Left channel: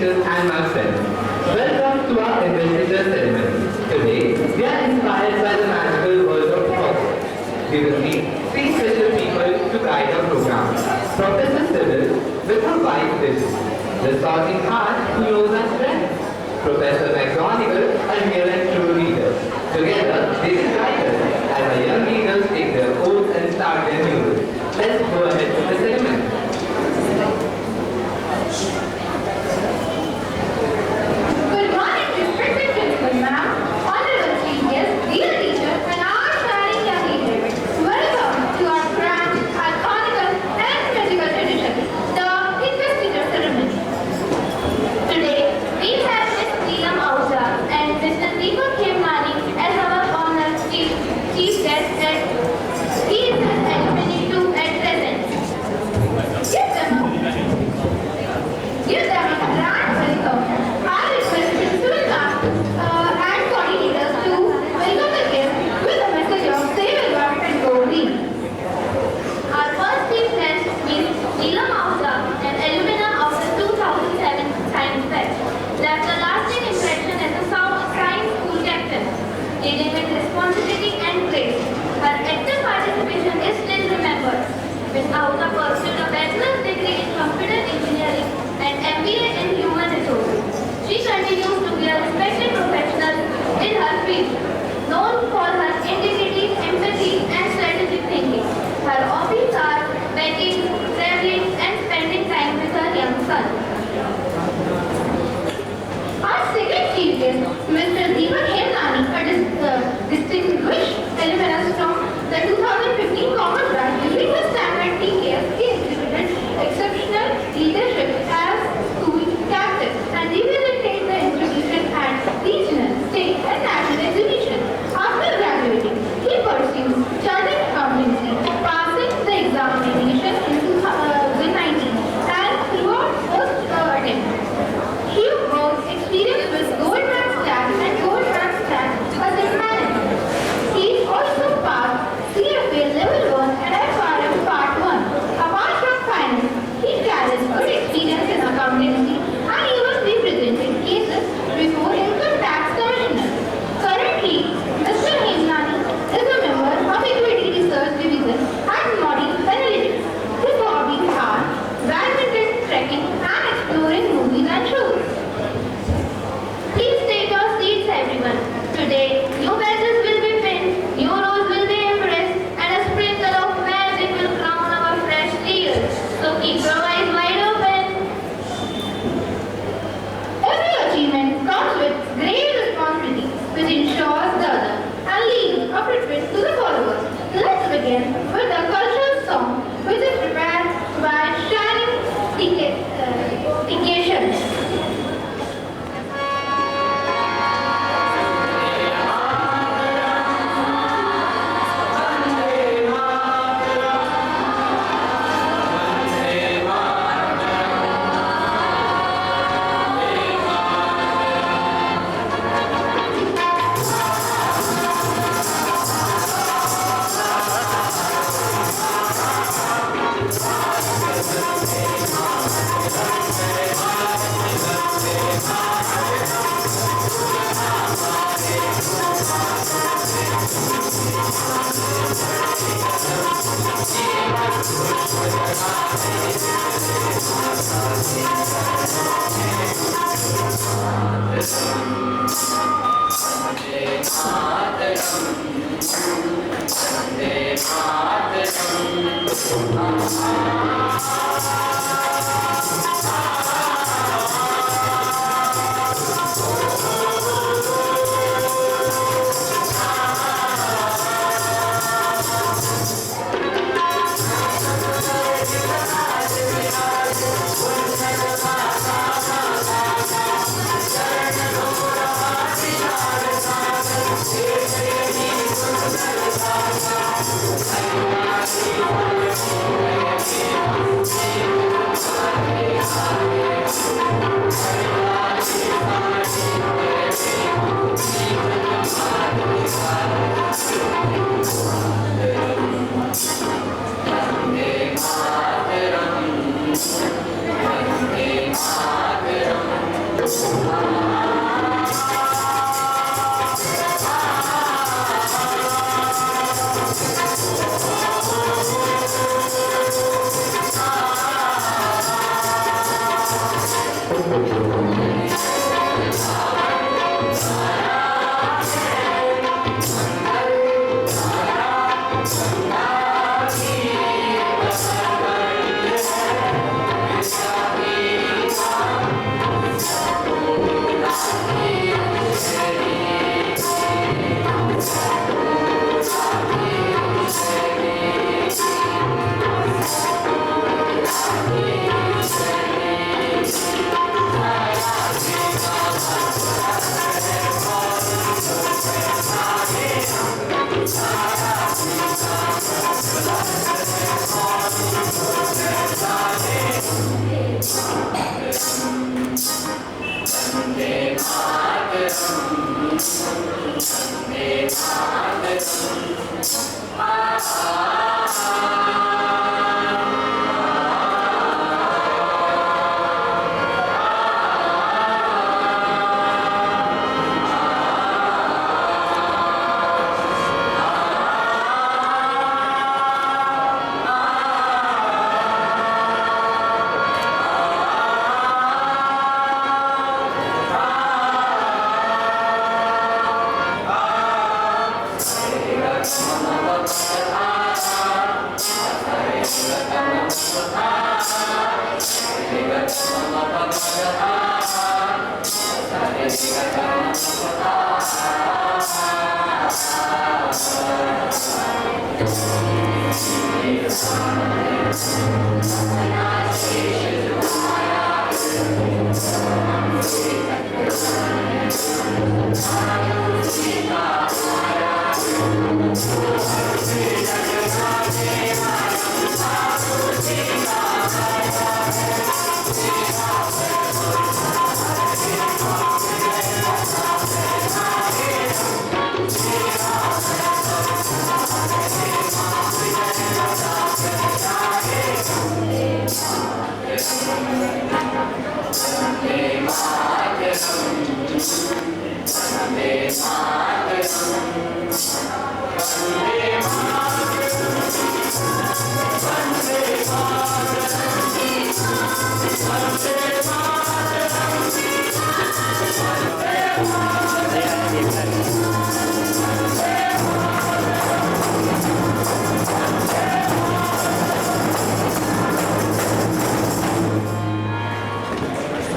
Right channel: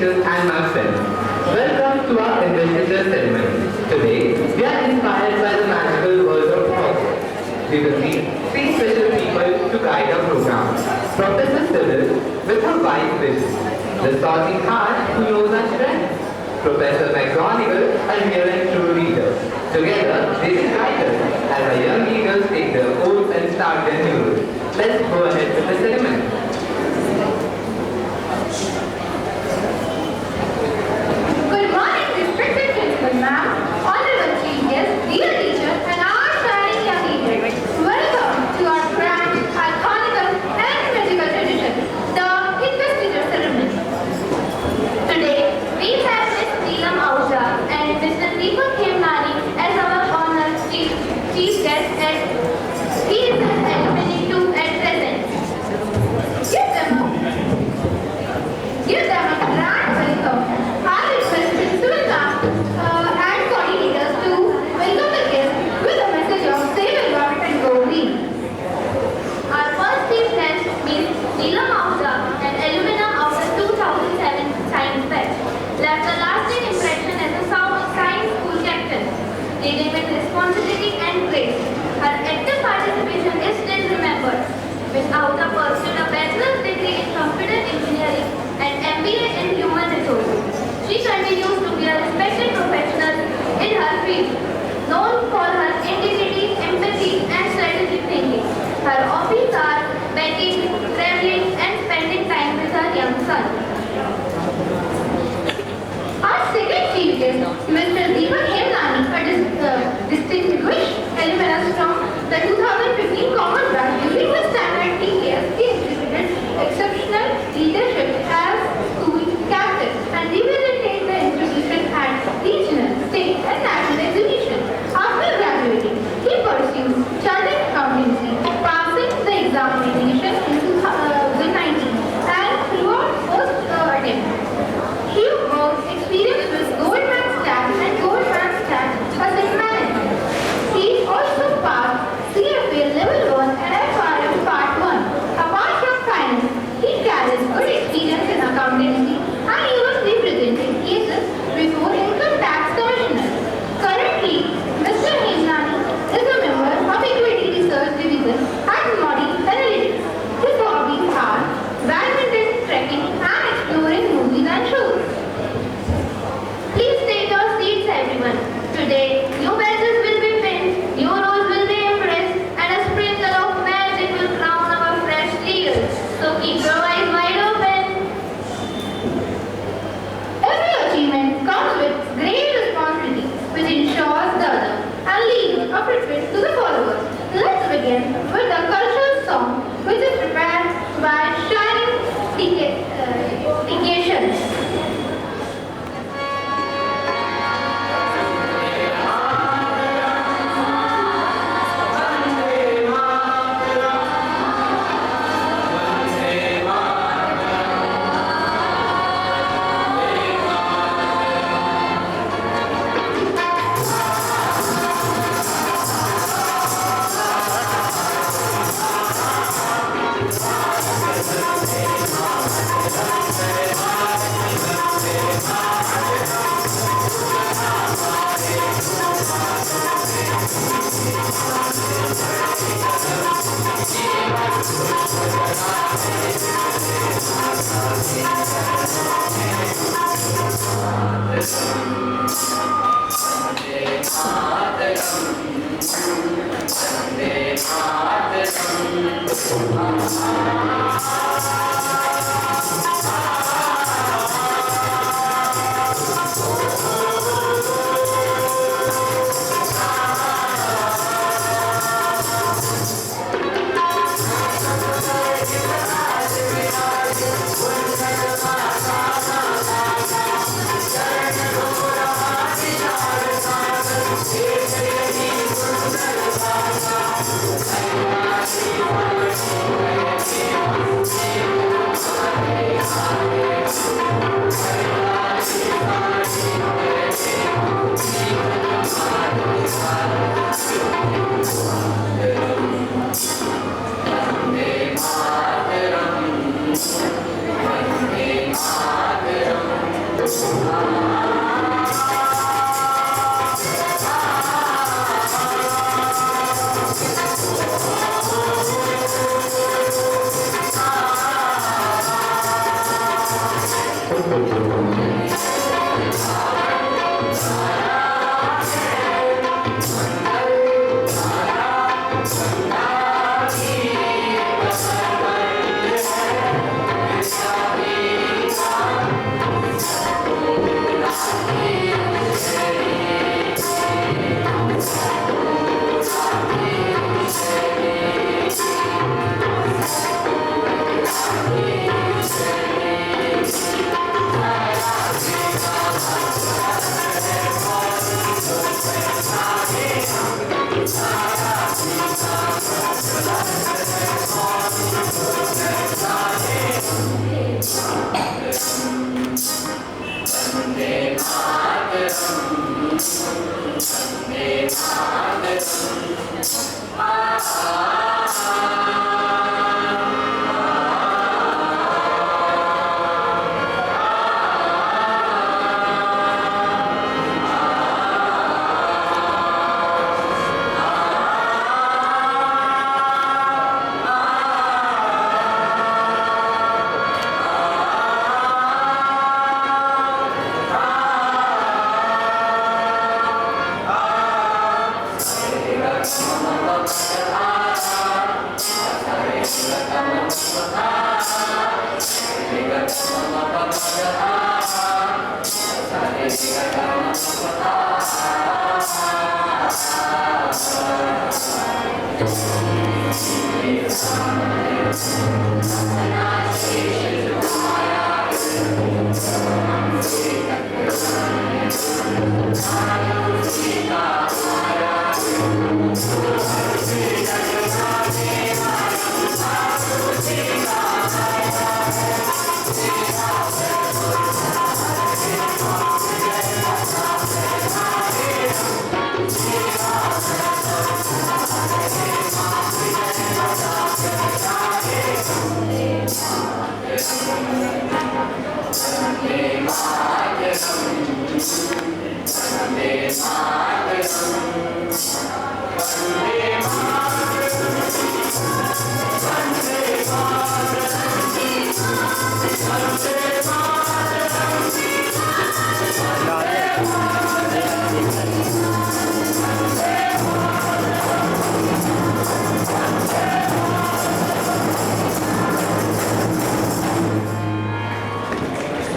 teachers and my friends. Welcome to our investiture ceremony. Today, we are inspired by the magical world of sports. We will meet three special people to guide our program. Professor Sybil with her wise vision. The sorting heart who knows our strengths. Professor McGonagall, a real and true leader. Together, they will guide us as our young leaders take their oaths and start their new route. Let's go ahead with the ceremony. Good morning, respected principal ma'am, honorable chief guest, dear teacher, and our shining young leaders. Welcome to our grand, iconic, and magical tradition, the investiture ceremony. Today, we have Miss Neelam Ahuja and Mr. Deepak Khemnani as our honored chief guest, and he is an alumni too at present. Give them a grand welcome. I request principal ma'am and coordinators to welcome the guests with a message of save a lot and go green. Our first chief guest is Neelam Ahuja, an alumna of the 2007 Science Fest, left a lasting impression as a science school captain, leading with responsibility and grace. Her active participation is still remembered. Ms. Ahuja pursued a bachelor's degree in computer engineering and MBA in human resources. She continues to be a respected professional in her field, known for her integrity, empathy, and strategic thinking. Her hobbies are baking, traveling, and spending time with her young son. Our second chief guest, Mr. Deepak Khemnani, a distinguished alumnus from the 2015 Commonwealth during the standard TKS. He exhibited exceptional leadership as school captain and represented the institution at regional, state, and national exhibitions. After graduating, he pursued chartered accountancy, passing the examination in 2019 and throughout post attempts. He worked experience with Goldman Sachs and Goldman Sachs Asset Management. He also passed CFA Level 1 and FRM Part 1. Apart from finance, he carries good experience in accountancy and even represented cases before Income Tax Commissioner. Currently, Mr. Khemnani is a member of Equity Research Division at Modi Analytics. His hobbies are badminton, trekking, and exploring movies and shows. Please take your seats, everyone. Today, new badges will be pinned, new roles will be impressed, and a sprinkle of magic will crown our fresh leaders. So keep your eyes wide open.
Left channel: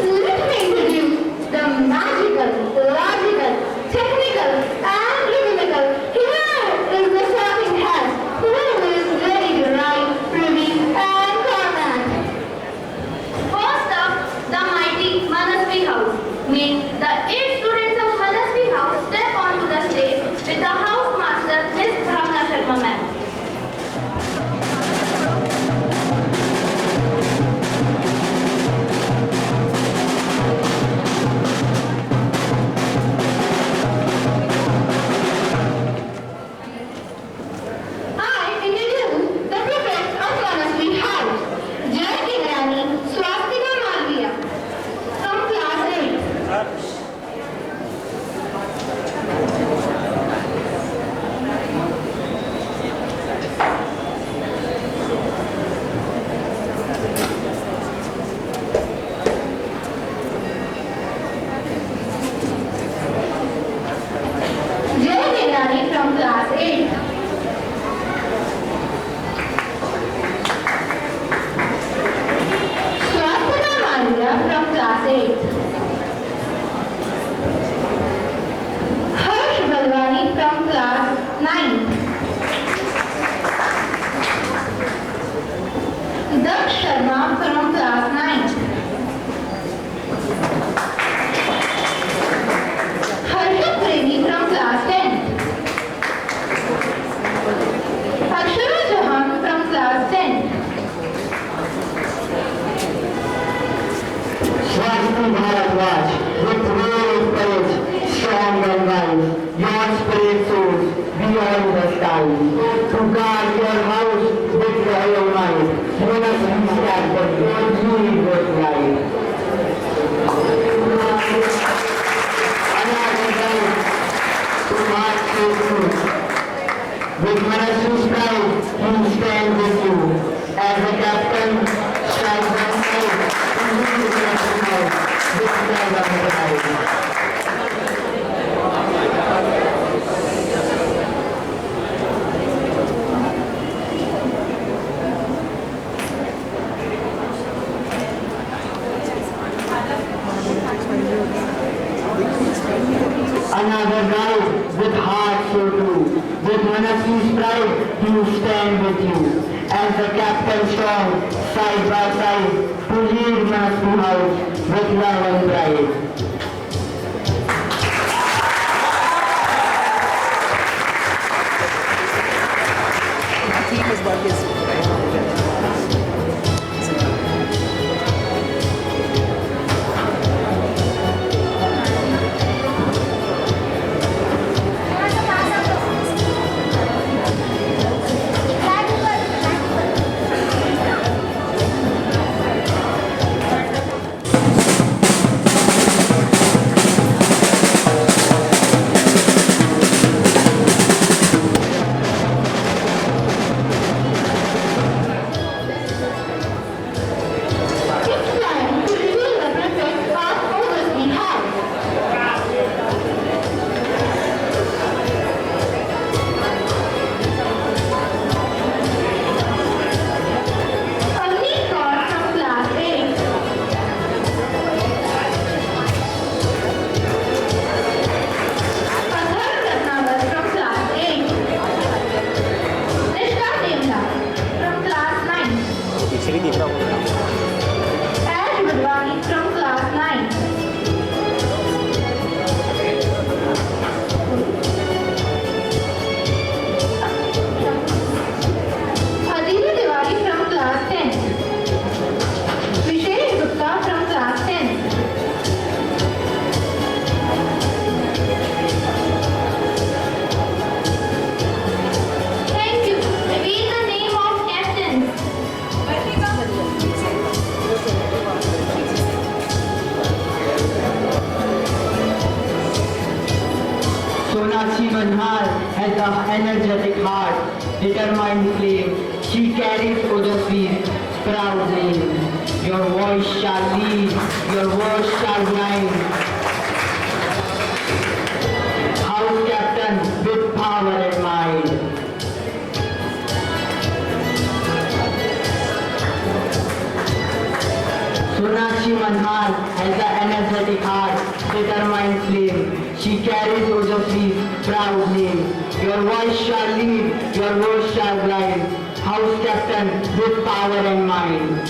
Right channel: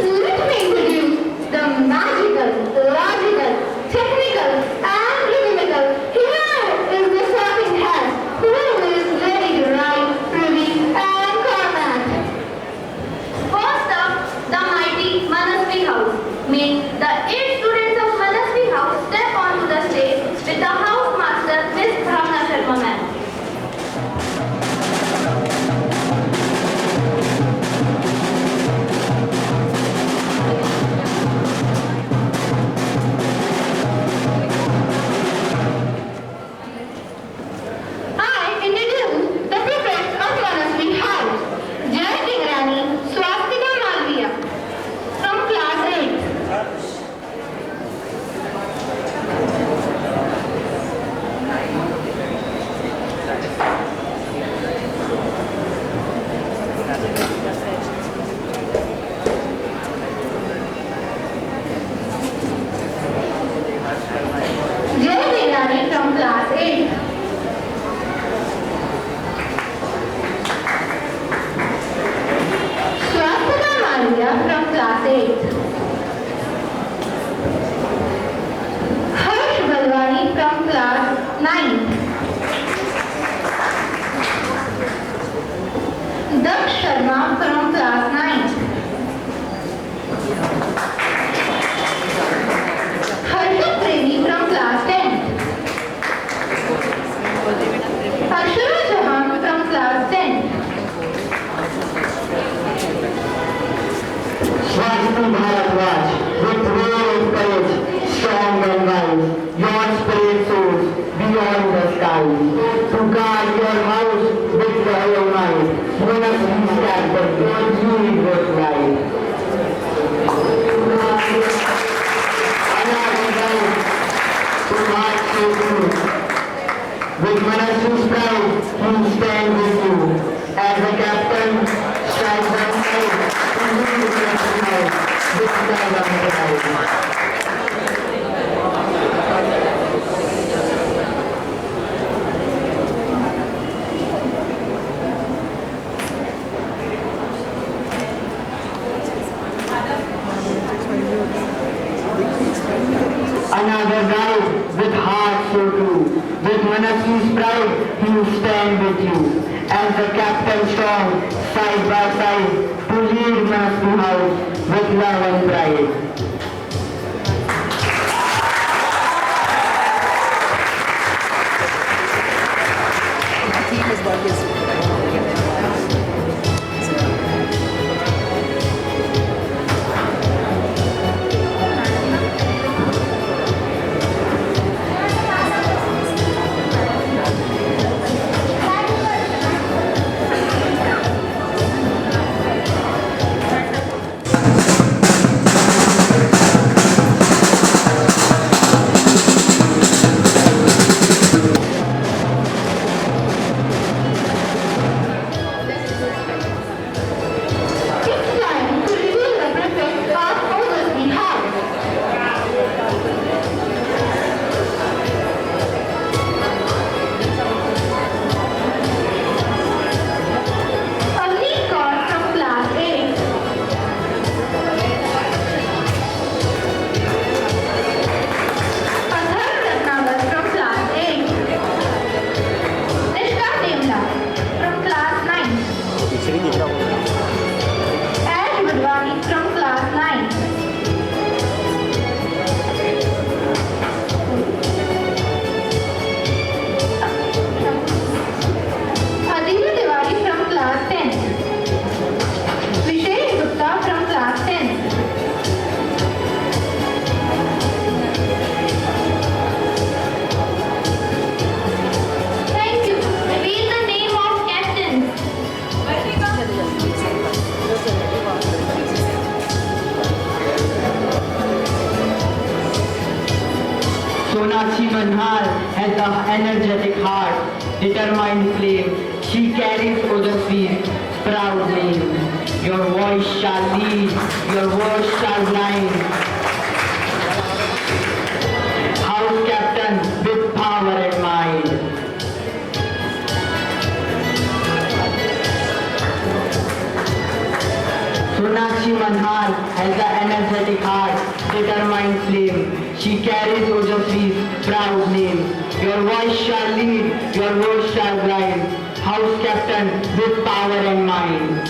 Let me introduce the magical, logical, technical, and rhythmical. Here is the sorting hat, who is ready to write, review, and comment. First up, the mighty Manasvi House. May the 8 students of Manasvi House step onto the stage with the house master, Miss Bhavna Sharma ma'am. I introduce the prefects of Manasvi House, Jayati Rani Swastika Malviya from class 8. Jayati Rani from class 8. Swastika Malviya from class 8. Harsh Balwani from class 9. Daksh Sharma from class 9. Harshit Premi from class 10. Akshara Chauhan from class 10. Swasti Bharadwaj, with real courage, strong and wise, your spirit soars beyond the skies. To guard your house with your might, you must be scattered, you need what light. Another night, to march with you. With Manasvi's pride, we stand with you. As a captain, strike the fight, to lead the stand with you. As the captain strong, side by side, to lead Master House with love and pride. It's time to reveal the prefect of Oversea House. A neat card from class 8. A third Ratnagar from class 8. Nishka Demla from class 9. Ash Budwani from class 9. Aditi Tiwari from class 10. Vishesh Gupta from class 10. Thank you. Reveal the name of captains. Sonakshi Manhar has an energetic heart, determined flame. She carries Odasvi's proud name. Your voice shall lead, your words shall blind. House captain with power and mind. Sonakshi Manhar has an energetic heart, determined flame. She carries Ojasvi's proud name. Your voice shall lead, your words shall guide. House captain with power and mind.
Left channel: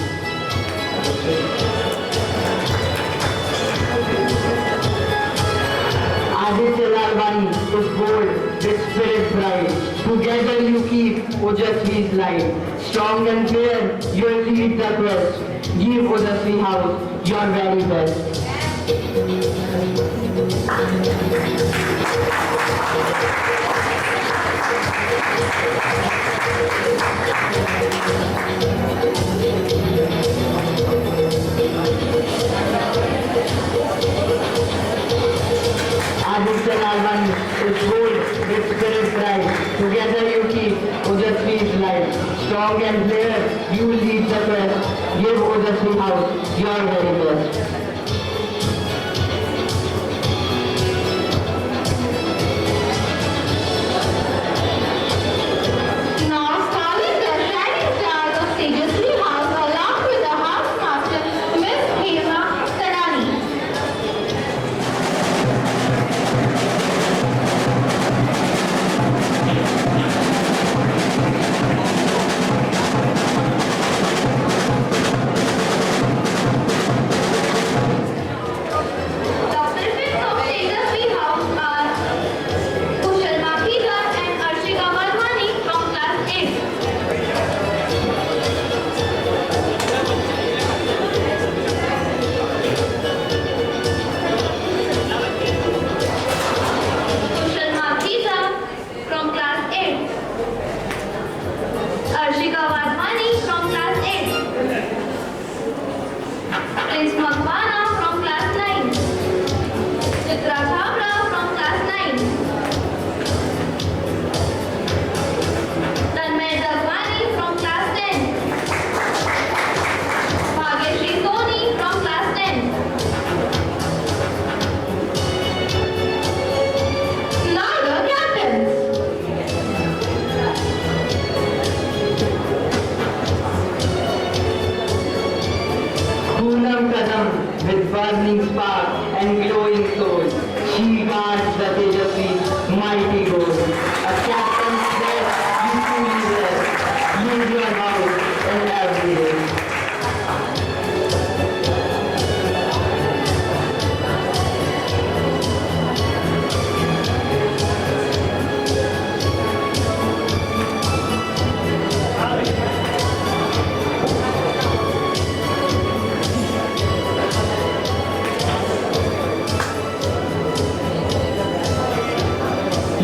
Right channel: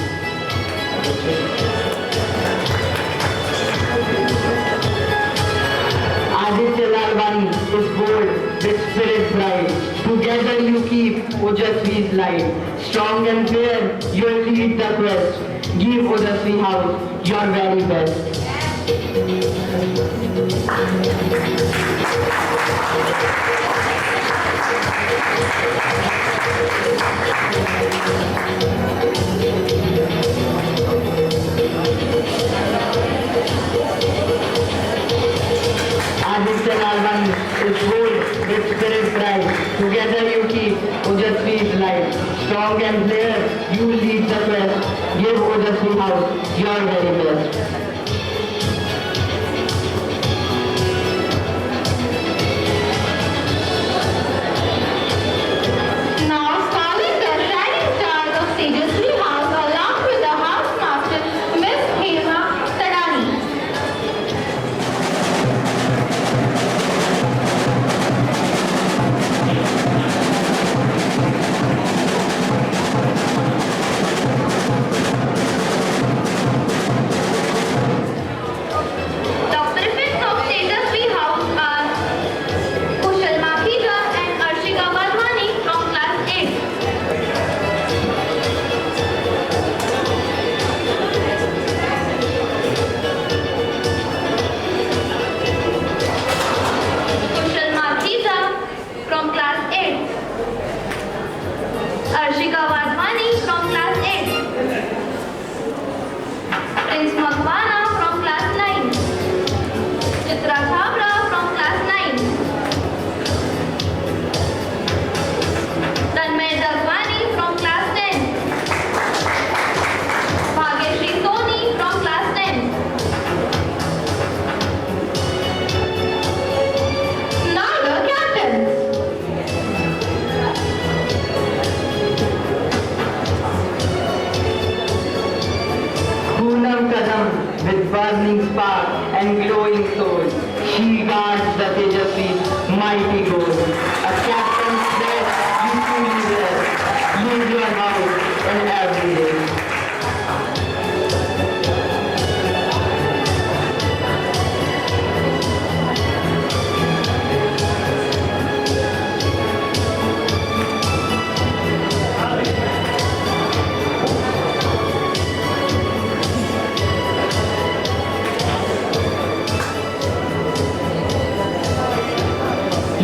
Aditya Lalwani is bold with spirit bright. Together you keep Ojasvi's light. Strong and fair, you'll lead the quest. Give Ojasvi House your very best. Aditya Lalwani is bold with spirit bright. Together you keep Ojasvi's light. Strong and fair, you lead the quest. Give Ojasvi House your very best. Now calling the shining stars of Tejasvi House along with the house master, Miss Hema Tadani. The prefects of Tejasvi House are Kushal Makhija and Arshika Wadhwani from class 8. Kushal Makhija from class 8. Arshika Wadhwani from class 8. Prince Makhwana from class 9. Chitra Chhabra from class 9. Tanmay Dagwani from class 10. Bhagyashree Soni from class 10. Now the captains. Poonam Kadam with burning spark and glowing soul. She guards the Tejasvi's mighty goal. A captain's best you truly wear. leave your house in every day.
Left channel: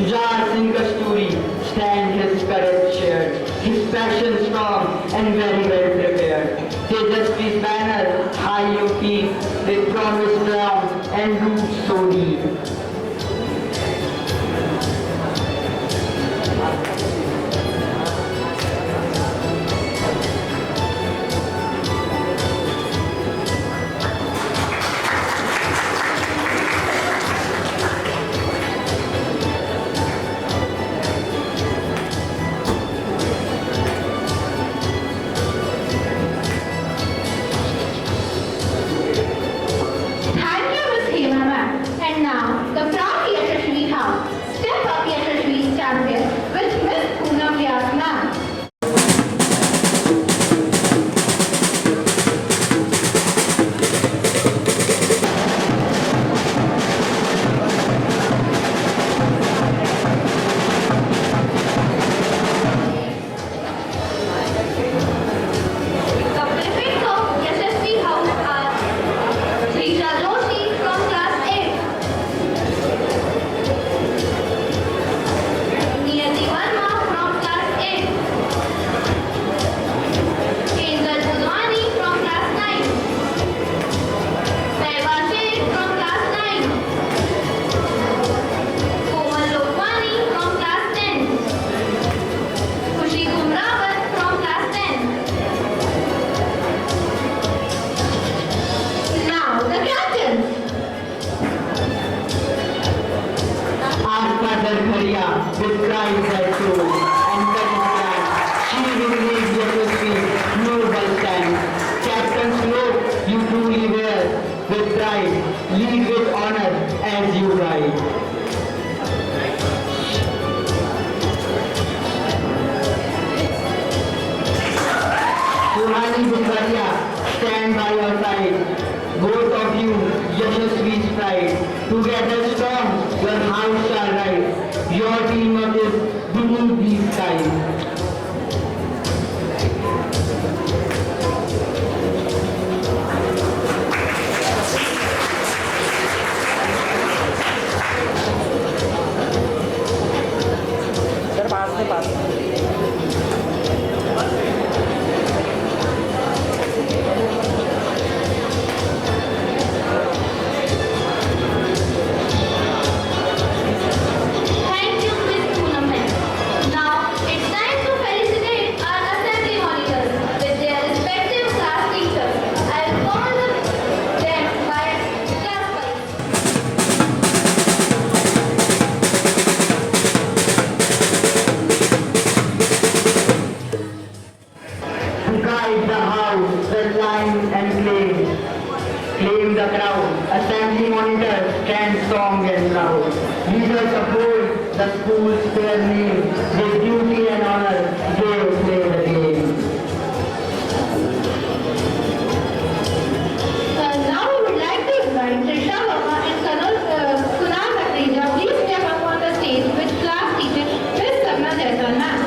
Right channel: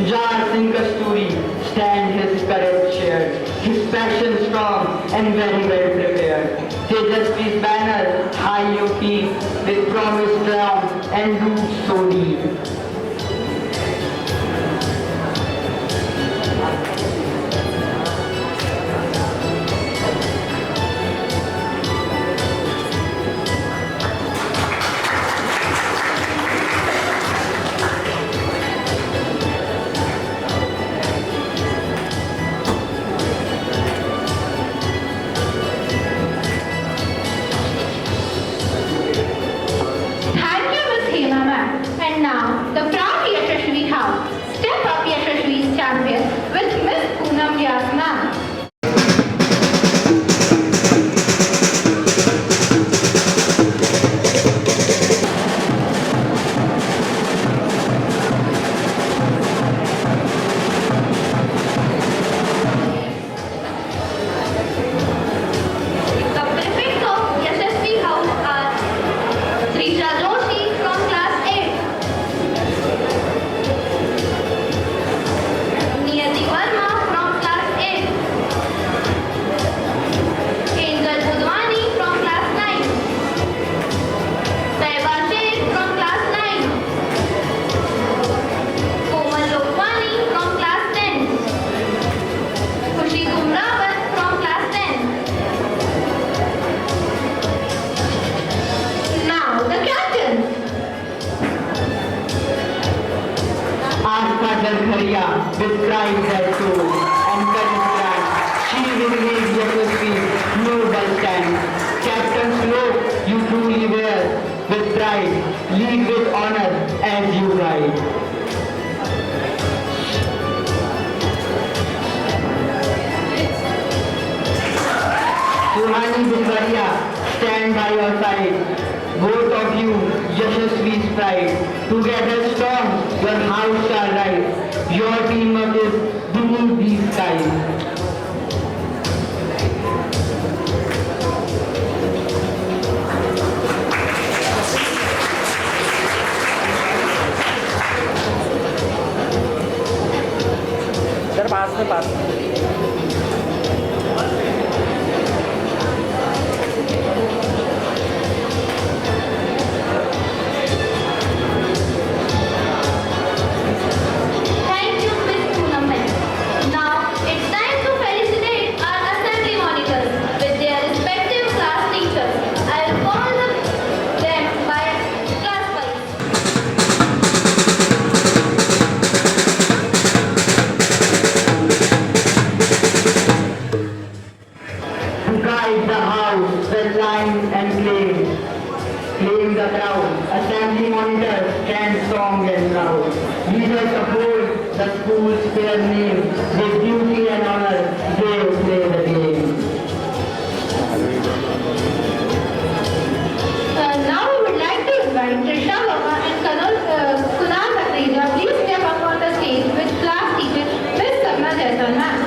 Jar Singh Kasturi stand his courage shared, his passion strong and very well prepared. Tejasvi's banner high you keep, with promise strong and roots so deep. Thank you, Miss Hema ma'am. And now, the proud Yashasvi House. Step up Yashasvi's champion with Miss Poonam Vyas ma'am. The prefects of Yashasvi House are Srisha Joshi from class 8, Niyati Verma from class 8, Angel Budwani from class 9, Taiba Sheikh from class 9, Komal Lokmani from class 10, Khushi Gumrawat from class 10. Now the captains. Aska Dalkharia with pride her soul and courage stand. She will lead Yashasvi's noble stand. Captain Slope, you truly wear with pride. Lead with honor as you ride. Suhani Bumbaria, stand by your side. Both of you, Yashasvi's pride. Together strong, your house shall rise. Your teamwork is beneath these skies. Thank you, Miss Poonam ma'am. Now it's time to felicitate our assembly monitors with their respective class teachers. I will call them by class wise. To guide the house, the line and claim. Claim the crowd. Assembly monitors stand strong and proud. Leaders uphold the school's fair name. With duty and honor, they play the game. Now we would like to invite Trisha Verma and Kunal Bhattacharya. Please step up on the stage with class teacher Miss Sapna Jaiswal ma'am.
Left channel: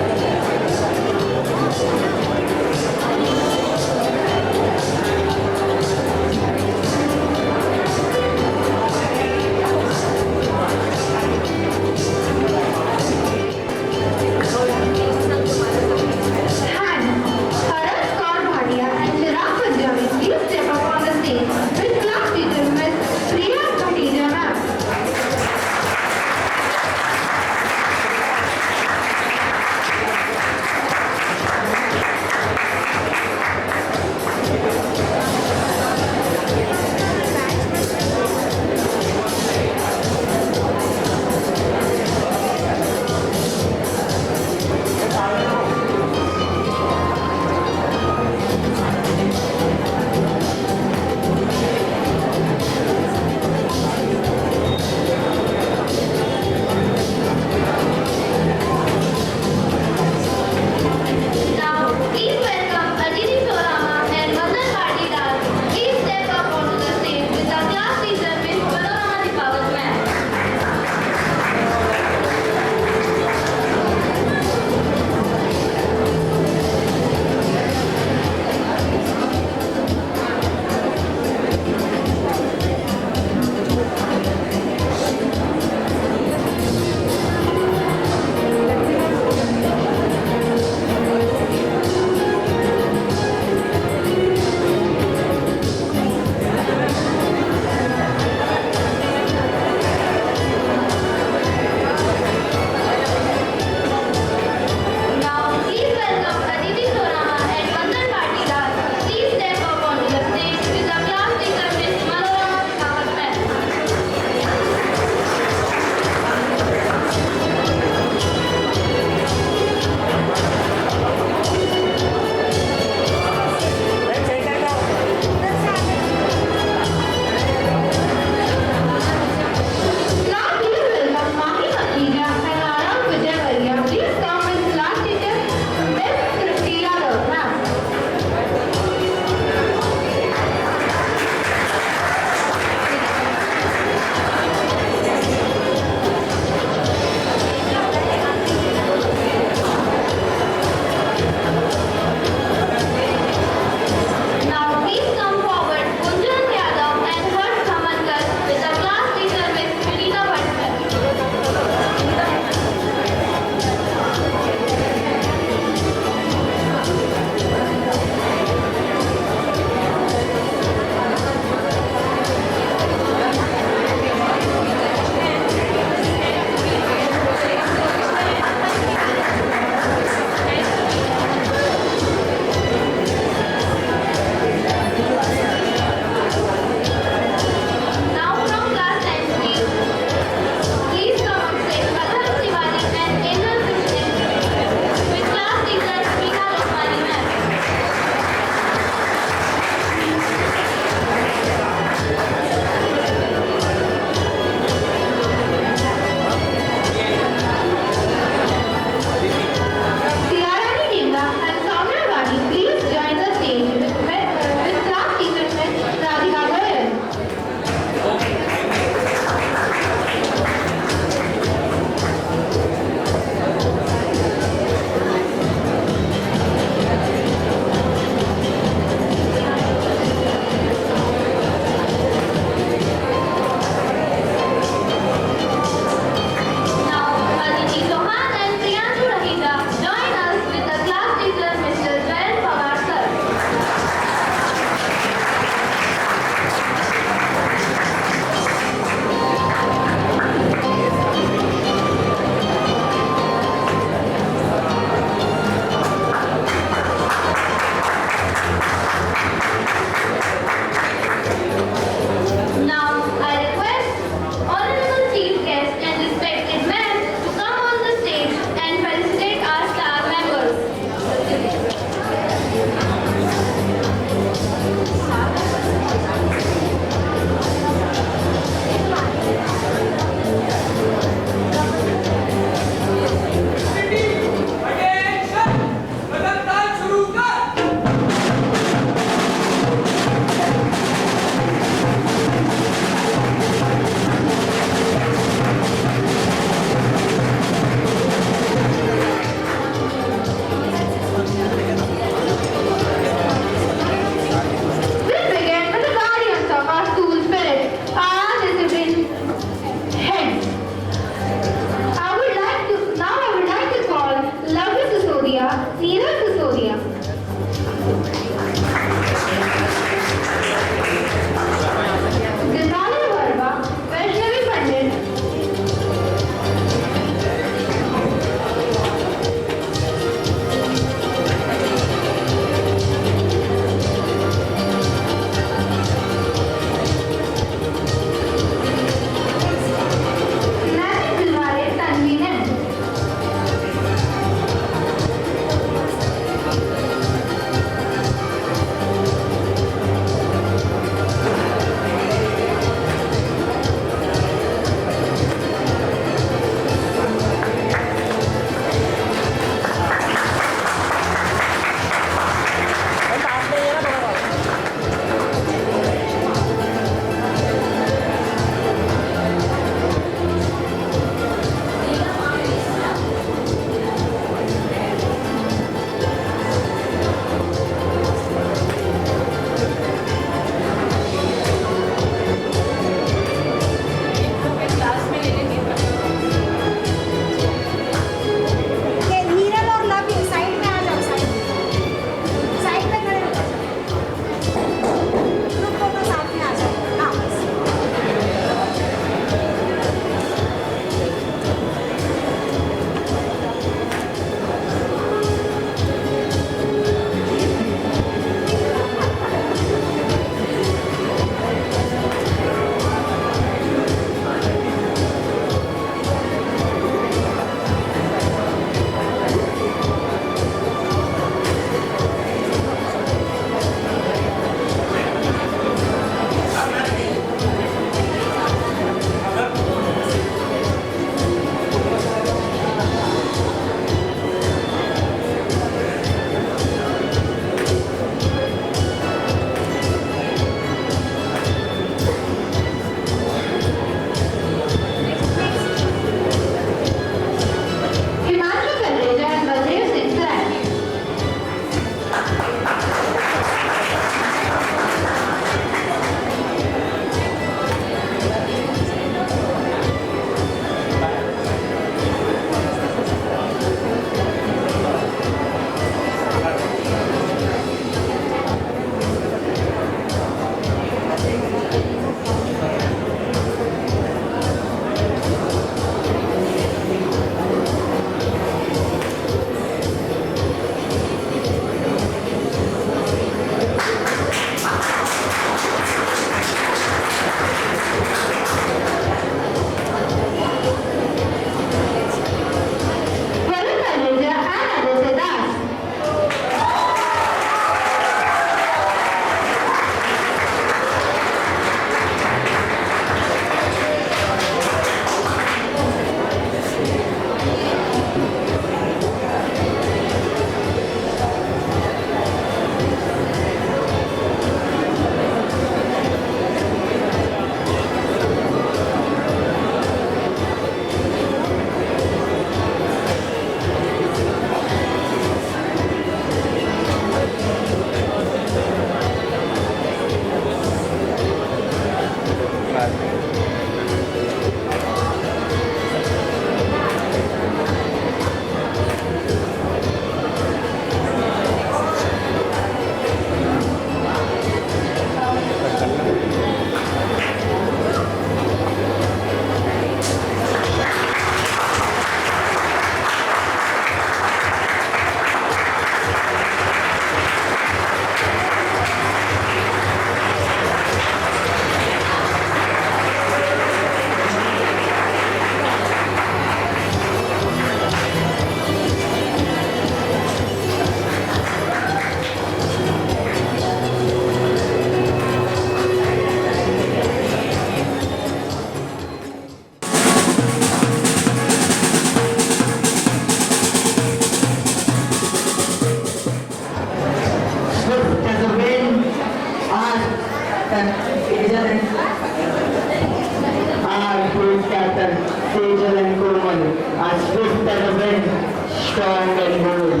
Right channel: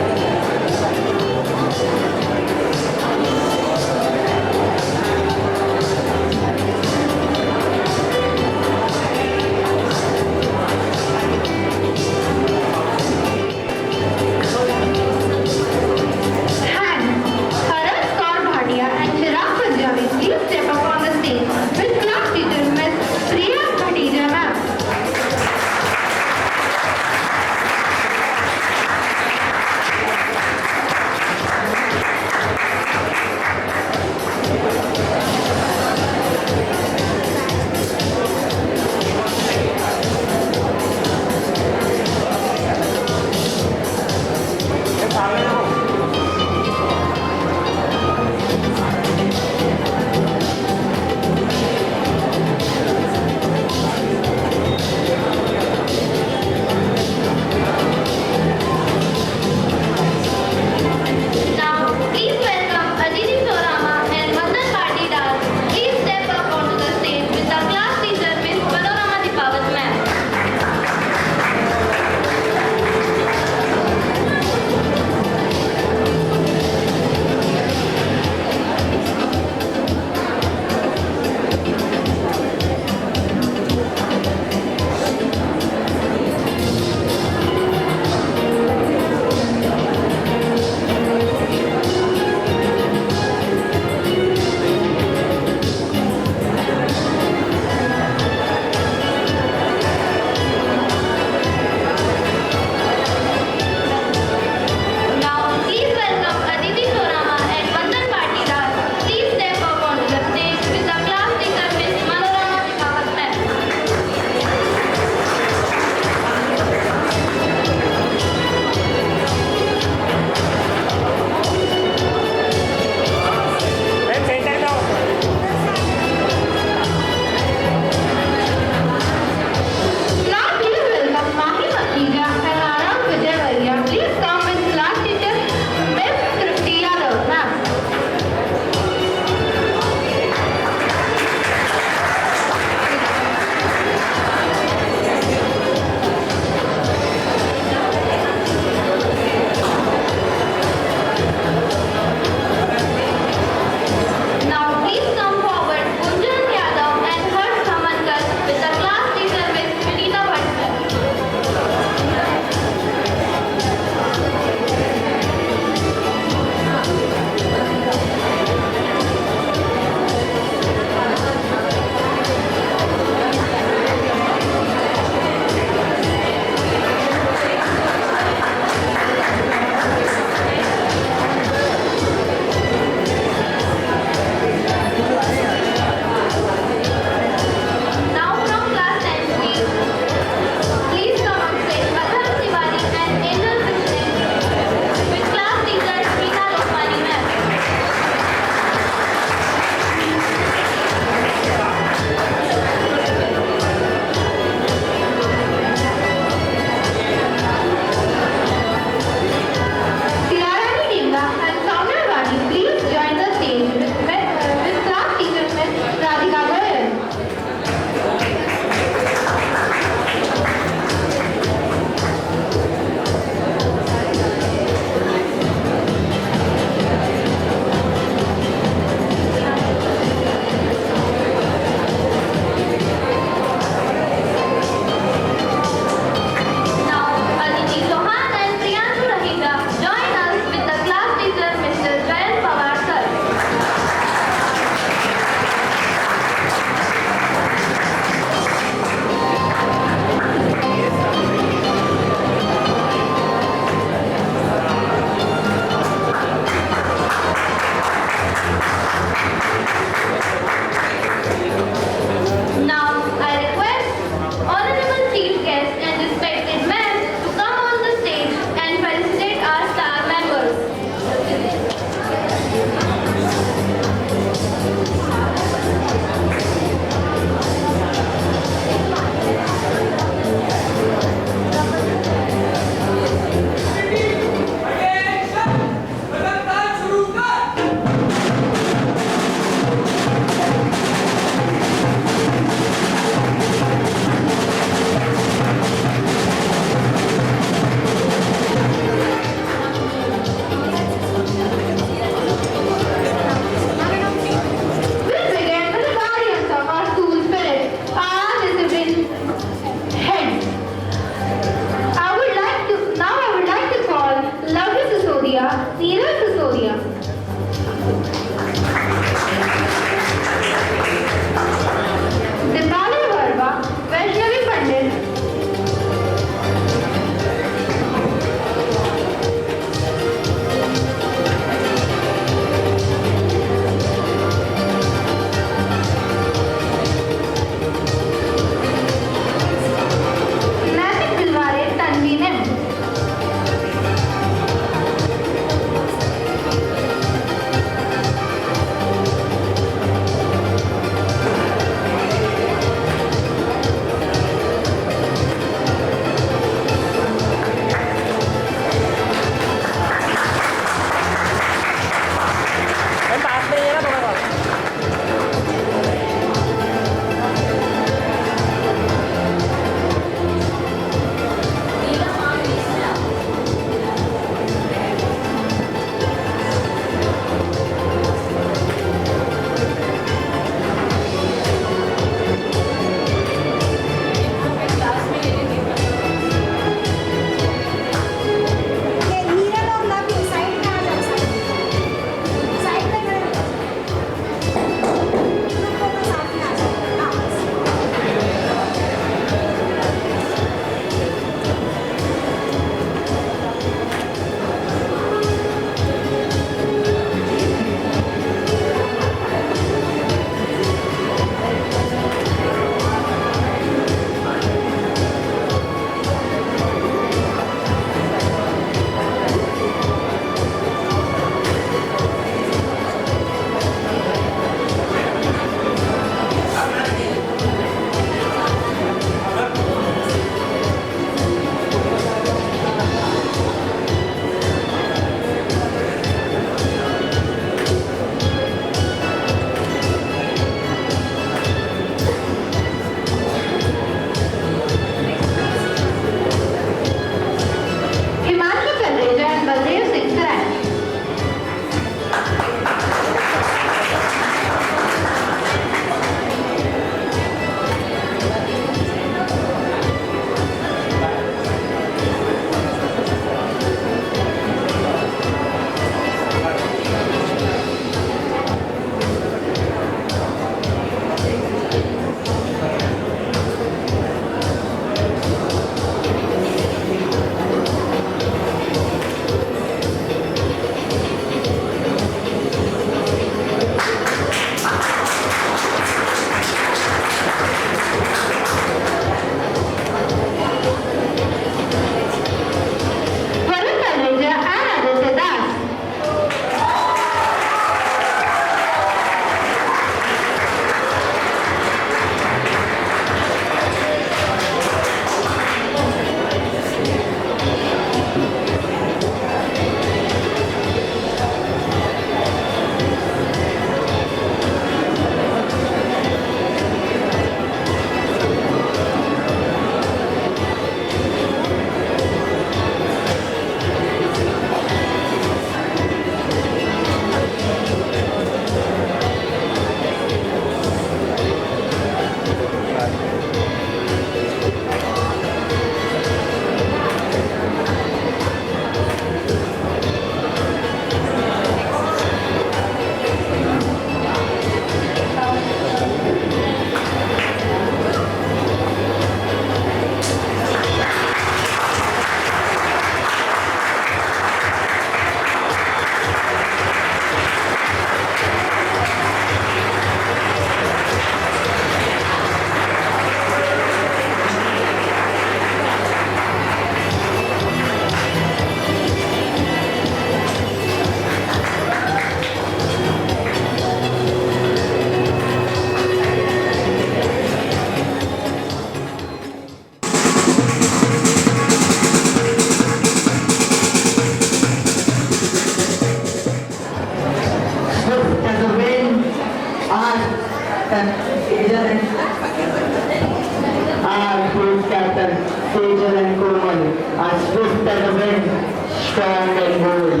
strong and bold,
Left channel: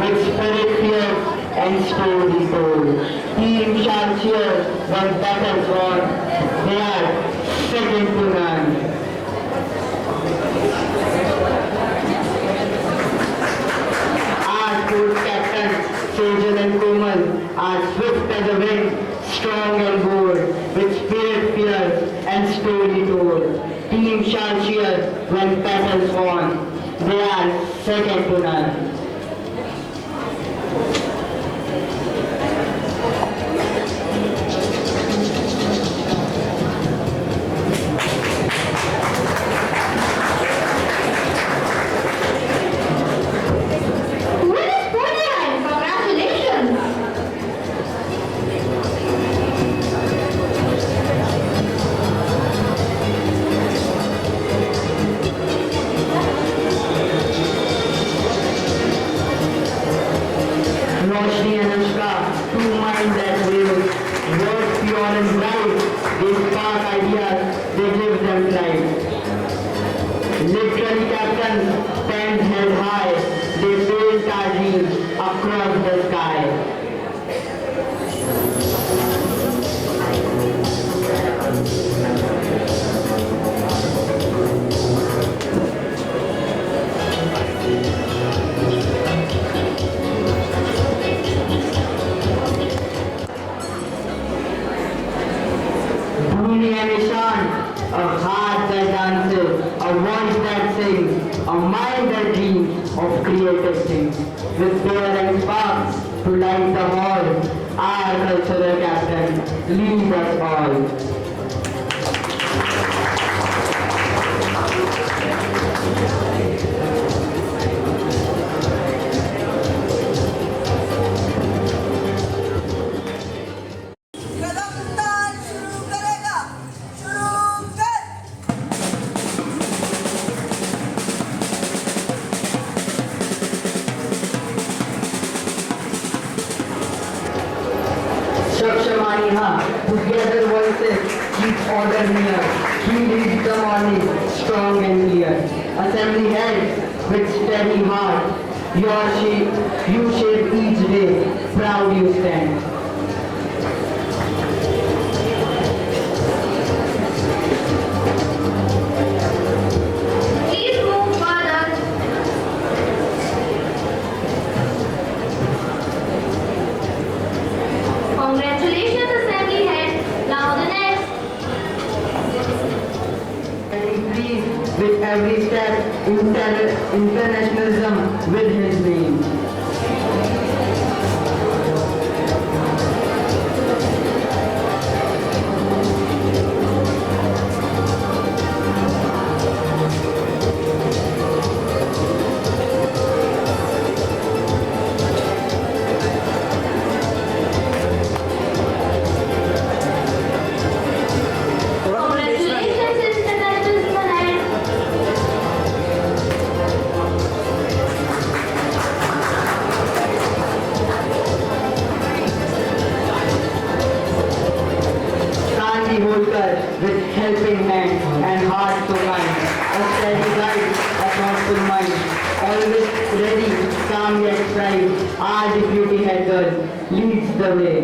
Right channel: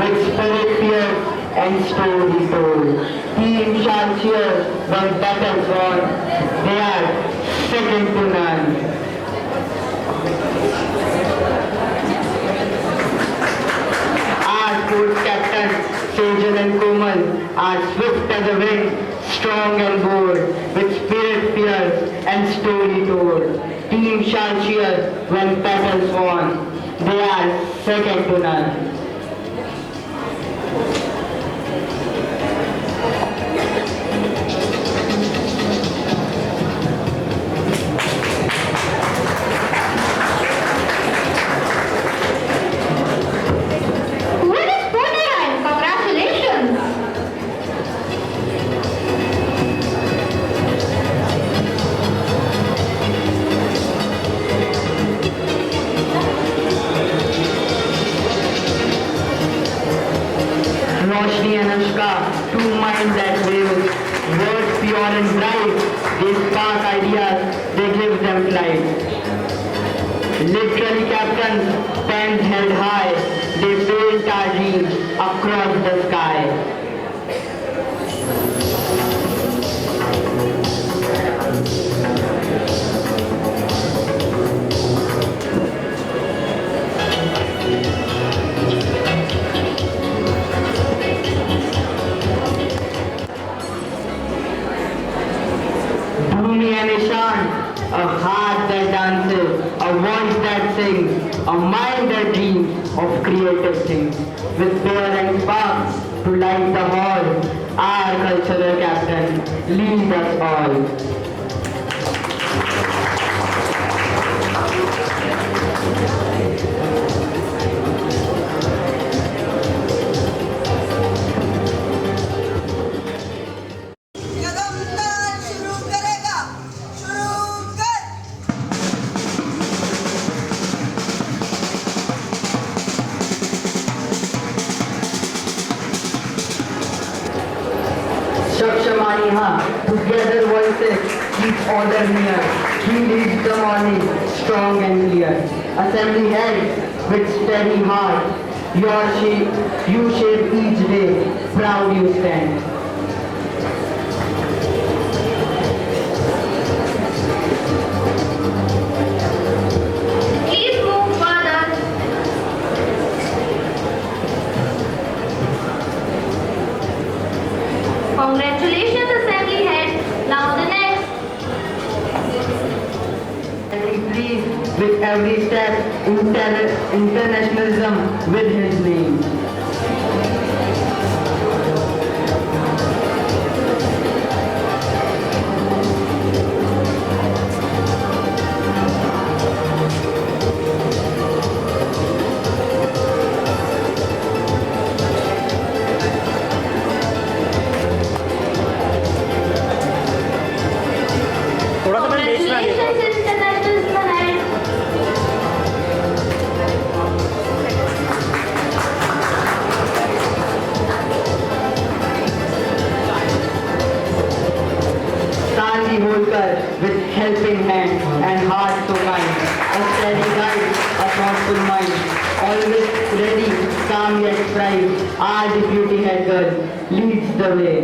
with spirit fierce and story told. Team Sharpshire when battles on, they are second to none. Our sports captains, Sejal and Komal, are swift as a wind, strong and bold, with spirit fierce and story told. Team Sharpshire when battles won, they are second to none. Winner's podium! Congratulations! Roshni and Anushka, two minds that wave, words pure and bright, they spark ideas, they give them life. Literally captains, pens held high, they build our dreams across the sky. Bhumi and Ishan, a heart that dances, a voice that sings, a mind that dreams of creative things. With daring sparks to light the hall, our cultural captain leads us all. कदमदार शुरू करेगा शुरू कर Shakshamaniha, together voices keep order near. He leads the morning, strong and clear. Assembly heads with steady heart. You shape each day, proud you stand. Please move further. Congratulations, Assembly Head. Now the next. And he pleased with every step, internationalism with his name. Congratulations, International Head. Shanti Holkar with helping hand and heart so kind. A steady guide, a thoughtful mind. Always ready, calm yet bright. Our deputy head girl leads the way.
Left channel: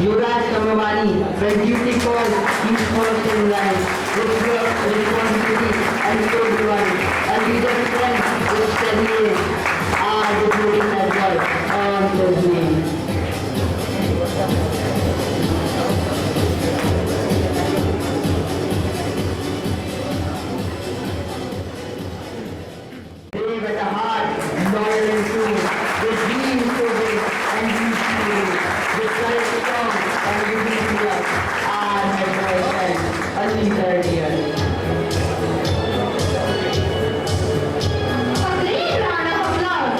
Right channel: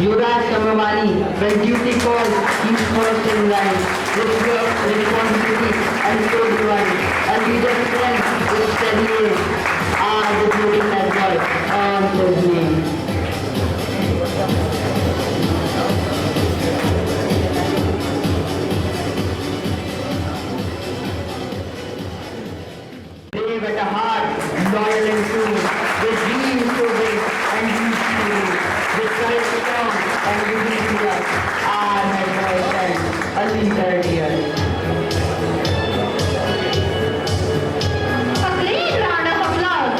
Yuvraj Samavani, when duty calls, he's first in line. With work, responsibility, and so divine. A leader's strength with steady aim. Our deputy head girl earns his name. Brave at a heart, loyal and true, with dreams so big and deeds to do, with courage strong and beauty clear, our head boy stands, a leader dear. A great round of applause.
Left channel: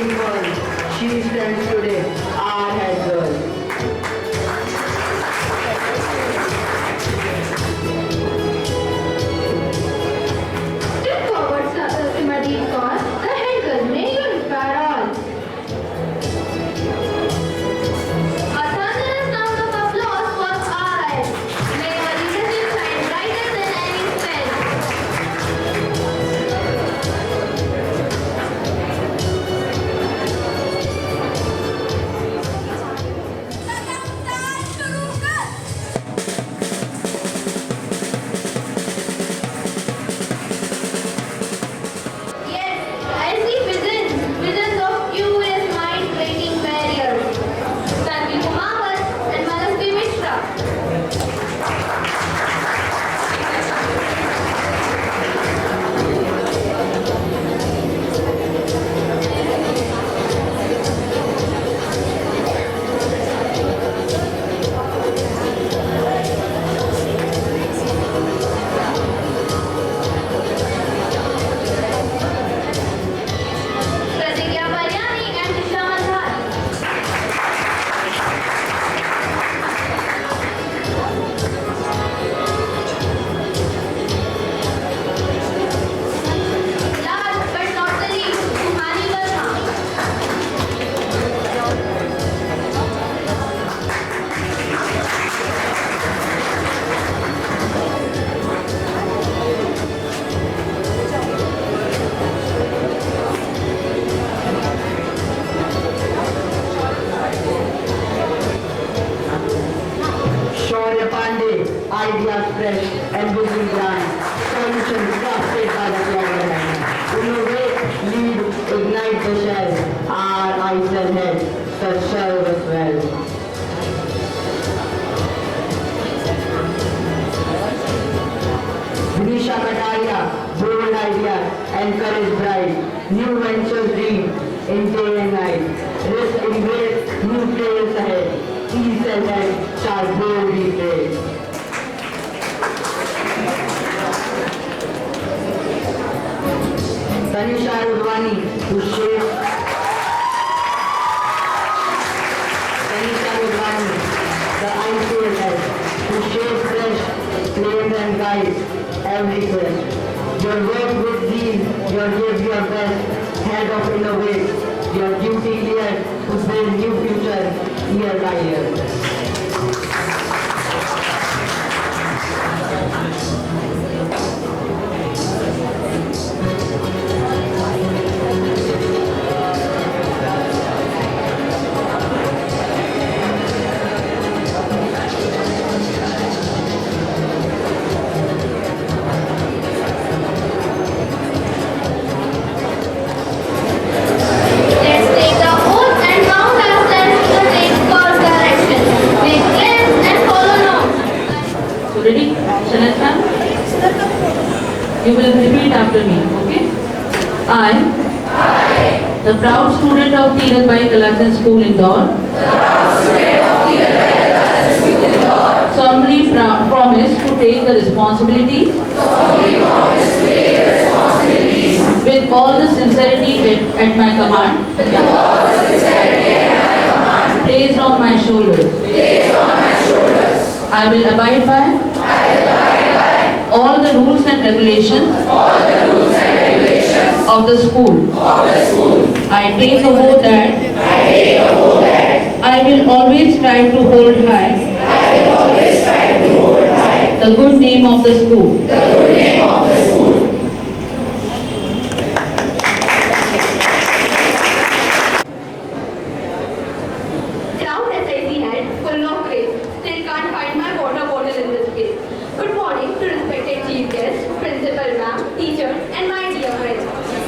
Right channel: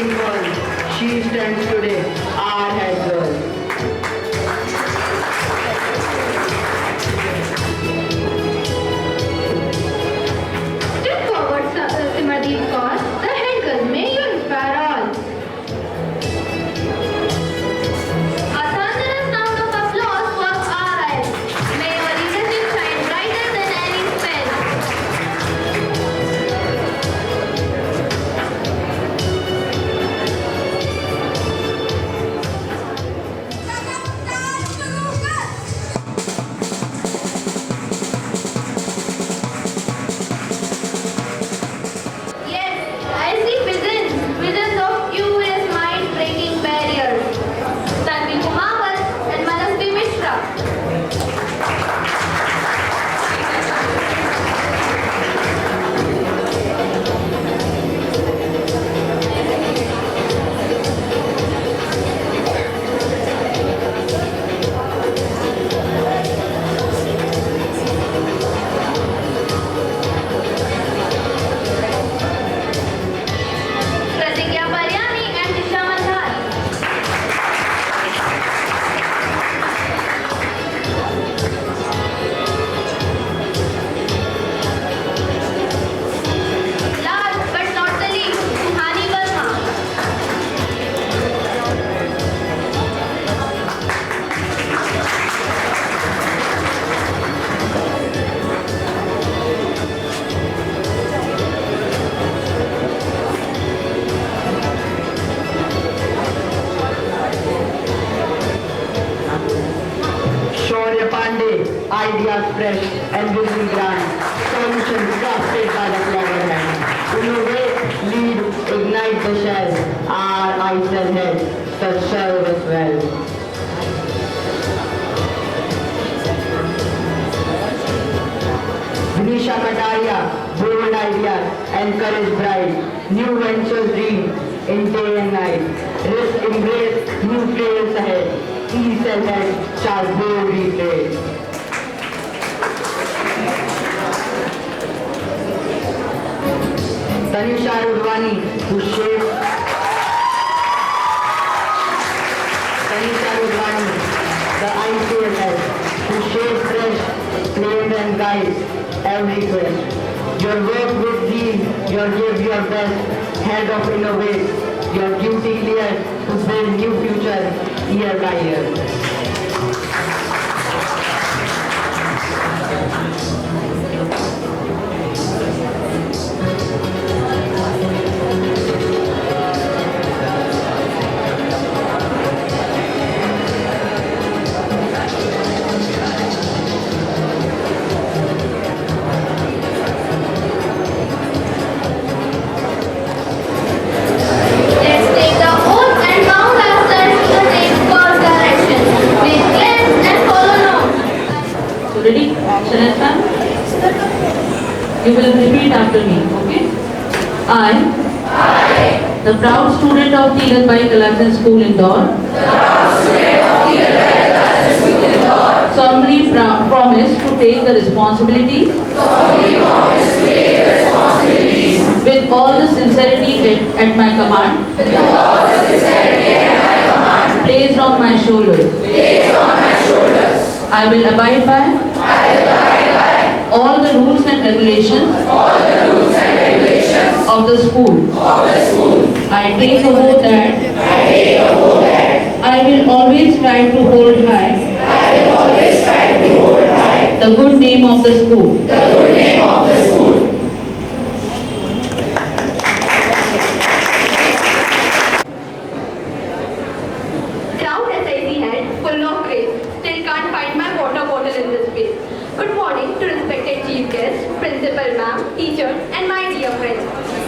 outstanding girl. She stands today, our head girl. Step forward, Simadhi Kaur. The head girl, may you inspire all. A thunderous sound of applause for our eyes. May your leadership shine brighter than any spell. तैयार शुरू कर Yes, I see visions of curious mind breaking barriers. Tanvi Kumawat and Manasvi Mishra. Pratigya Paryani and Disha Mandhari. Last but not the least, Suhani Verma. Shaurya Pandey, ideas fresh and vision grand. Solutions crafted by the clever hand. Innovate, lead, ignite the shell. Our eyes and heads that serve us well. Vinisha Kataria, bold ideas and courage bright. New ventures dream in day and night. Risk embrace, new trails ahead. East and head shall boldly trade. Tanisha Udvani, who shapes Tanisha Udvani, the ICL head, who shapes fresh, claims and guides every quest. Your work with zeal, your give your best, head of innovate, your duty clear to build new future year by year. Let's take the oath and count ourselves to the same course direction. Please cleanse and follow now. So ready? Shall I? You will repeat after me, okay? I, the proud student of Tirabai Kalajan School Indore, solemnly promise to take the responsibility with all the sincerity at my command, placed on my shoulders. I will abide by all the rules and regulations of the school. I take a oath that I will always try to hold high the good name of the school. Proud SIC head, full of grace. Still can't find my water bottle in this space. Good morning to respected chief guests, principal ma'am, teachers, and my dear friends.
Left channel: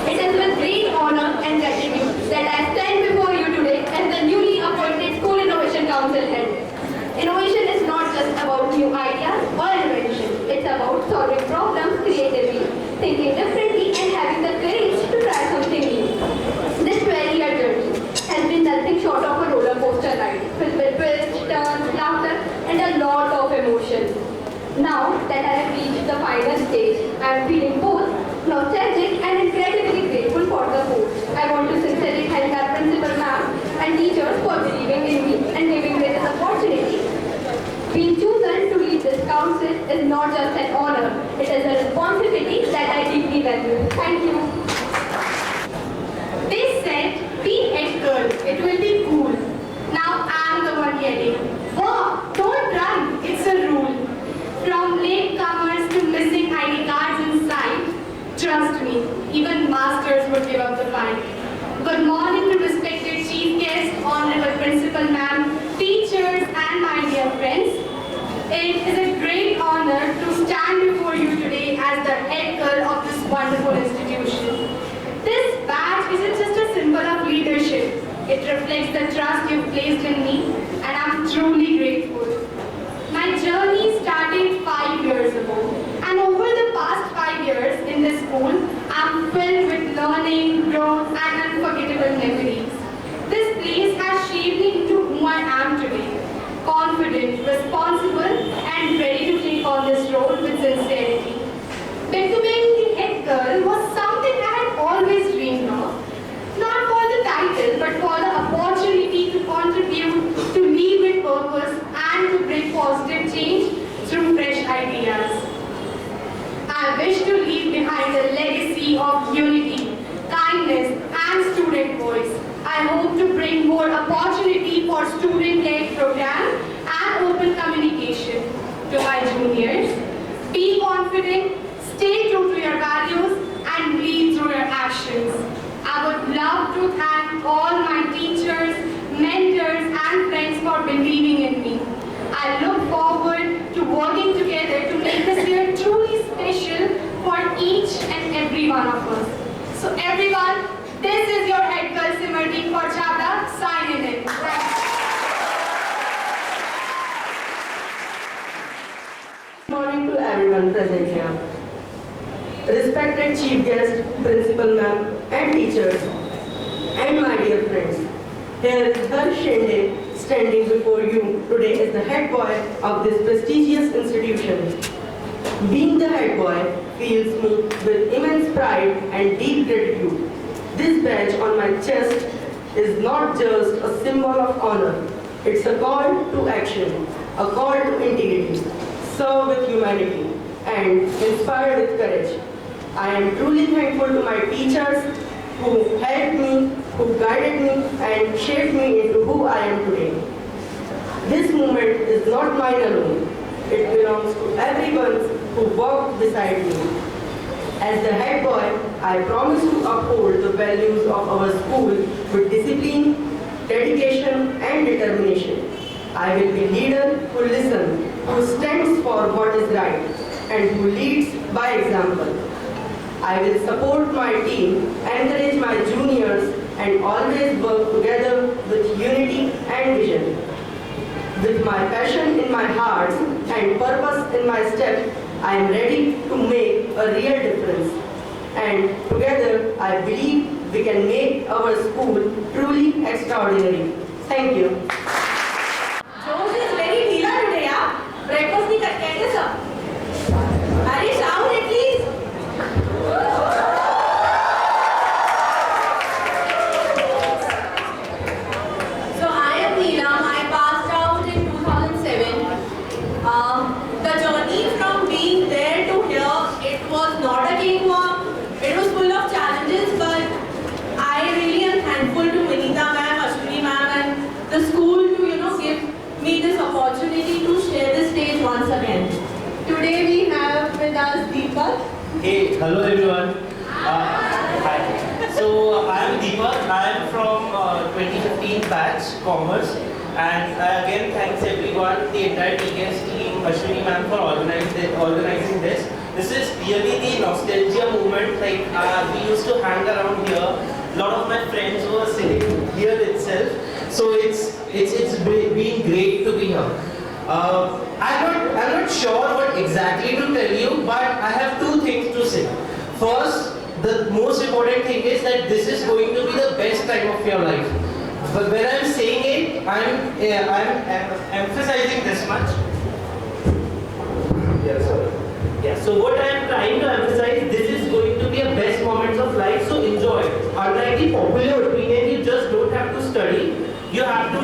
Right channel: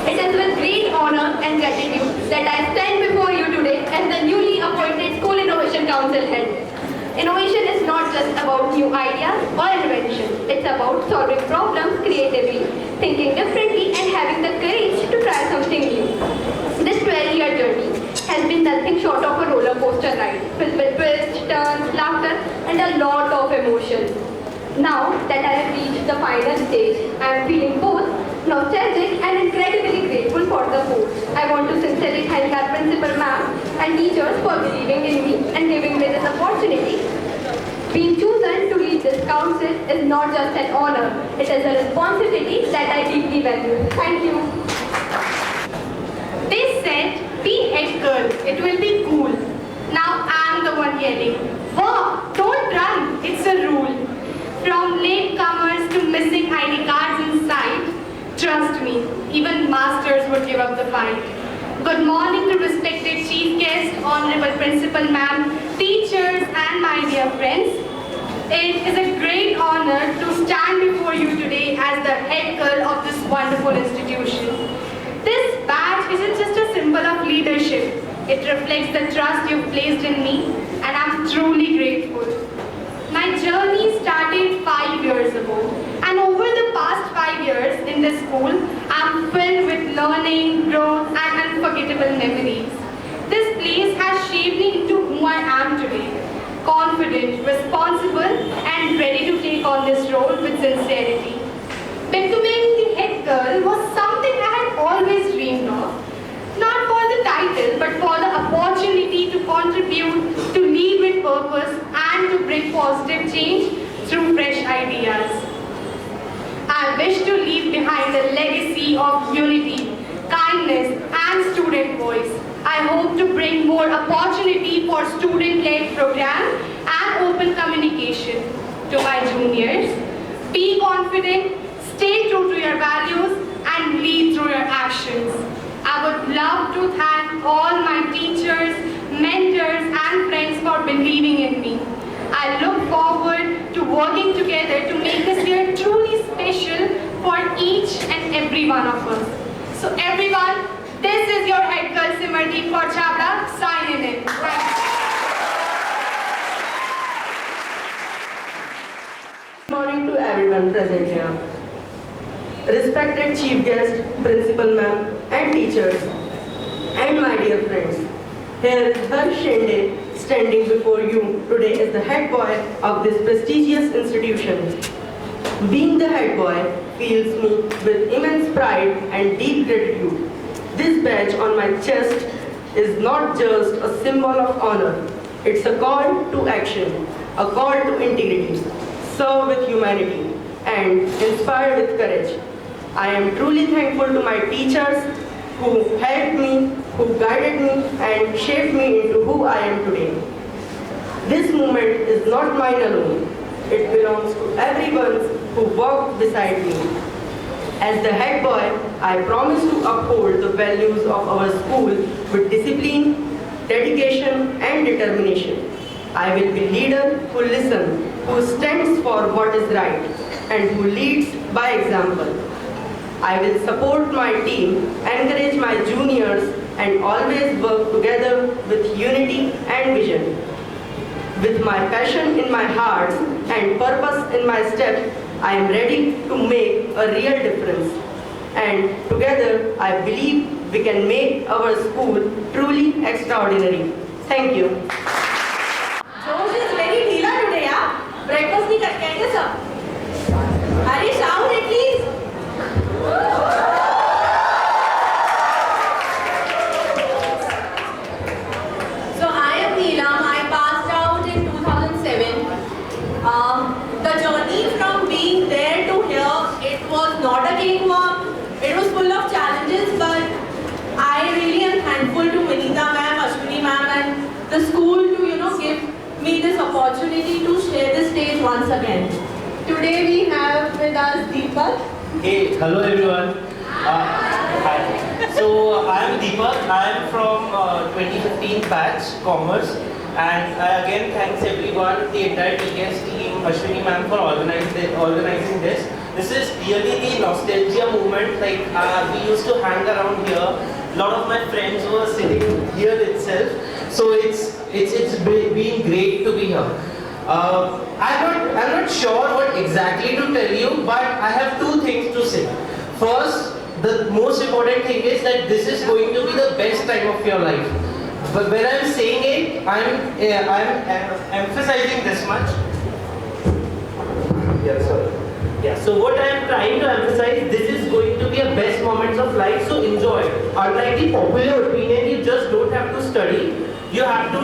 It is with great honor and gratitude that I stand before you today as the newly appointed School Innovation Council head. Innovation is not just about new ideas or inventions. It's about solving problems creatively, thinking differently, and having the courage to try something new. This 12-year journey has been nothing short of a roller coaster ride, filled with twists, turns, laughter, and a lot of emotion. Now that I have reached the final stage, I am feeling both nostalgic and incredibly grateful for the post. I want to sincerely thank our and teachers for believing in me and giving me this opportunity. Being chosen to lead this council is not just an honor, it is a responsibility that I deeply value. Thank you. They said, be head girl, it will be cool. Now I'm the one yelling, wow, don't run, it's a rule. From latecomers to missing ID cards in sight, trust me, even masters would give up the fight. Good morning to respected chief guests, honorable principal ma'am, teachers and my dear friends. It is a great honor to stand before you today as the head girl of this wonderful institution. This badge isn't just a symbol of leadership. It reflects the trust you've placed in me and I'm truly grateful. My journey started 5 years ago, and over the past 5 years in this school, I'm filled with learning, growth, and unforgettable memories. This place has shaped me into who I am today, confident, responsible, and ready to take on this role with sincerity. Becoming the head girl was something I had always dreamed of, not for the title, but for the opportunity to contribute, to lead with purpose, and to bring positive change through fresh ideas. I wish to leave behind a legacy of unity, kindness, and student voice. I hope to bring more opportunity for student-led program and open communication to my juniors. Be confident, stay true to your values, and lead through your actions. I would love to thank all my teachers, mentors, and friends for believing in me. I look forward to working together to make this year truly special for each and every one of us. So everyone, this is your head girl Simrati for Chhabra signing in. Good morning to everyone present here. Respected chief guest, principal ma'am, and teachers, and my dear friends. Here is Harsh Shende standing before you today as the head boy of this prestigious institution. Being the head boy fills me with immense pride and deep gratitude. This badge on my chest is not just a symbol of honor. It's a call to action, a call to integrity, serve with humanity, and inspire with courage. I am truly thankful to my teachers who helped me, who guided me, and shaped me into who I am today. This movement is not mine alone. It belongs to everyone who walked beside me. As the head boy, I promise to uphold the values of our school with discipline, dedication, and determination. I will be a leader who listens, who stands for what is right, and who leads by example. I will support my team, encourage my juniors, and always work together with unity and vision. With my passion in my heart and purpose in my step, I am ready to make a real difference. And together, I believe we can make our school truly extraordinary. Thank you. Jose is very ढीला today, yeah? Breakfast नहीं करके आएंगे सब? Harish, shout at least. So I am Neelam. I passed out in 2007. The journey from being there to here, it was not a cakewalk. It was full of challenges, but I really am thankful to Vinita ma'am, Ashwini ma'am, and the school to give me this opportunity to share this stage once again. Today we have with us Deepak. Hey, hello everyone. Hi. So I am Deepak. I am from 2015 batch Commerce, and again thanks everyone, the entire TKS team, Ashwini ma'am for organizing this. This is really the nostalgia moment. Like we used to hang around here. A lot of my friends were sitting here itself. So it's been great to be here. I'm not sure what exactly to tell you, but I have two things to say. First, the most important thing is that this is going to be the best time of your life. But when I'm saying it, I'm emphasizing this much. Yeah, sorry. Yeah, so what I am trying to emphasize, this is going to be a best moments of life, so enjoy. Unlike the popular opinion, you just don't have to study. you have to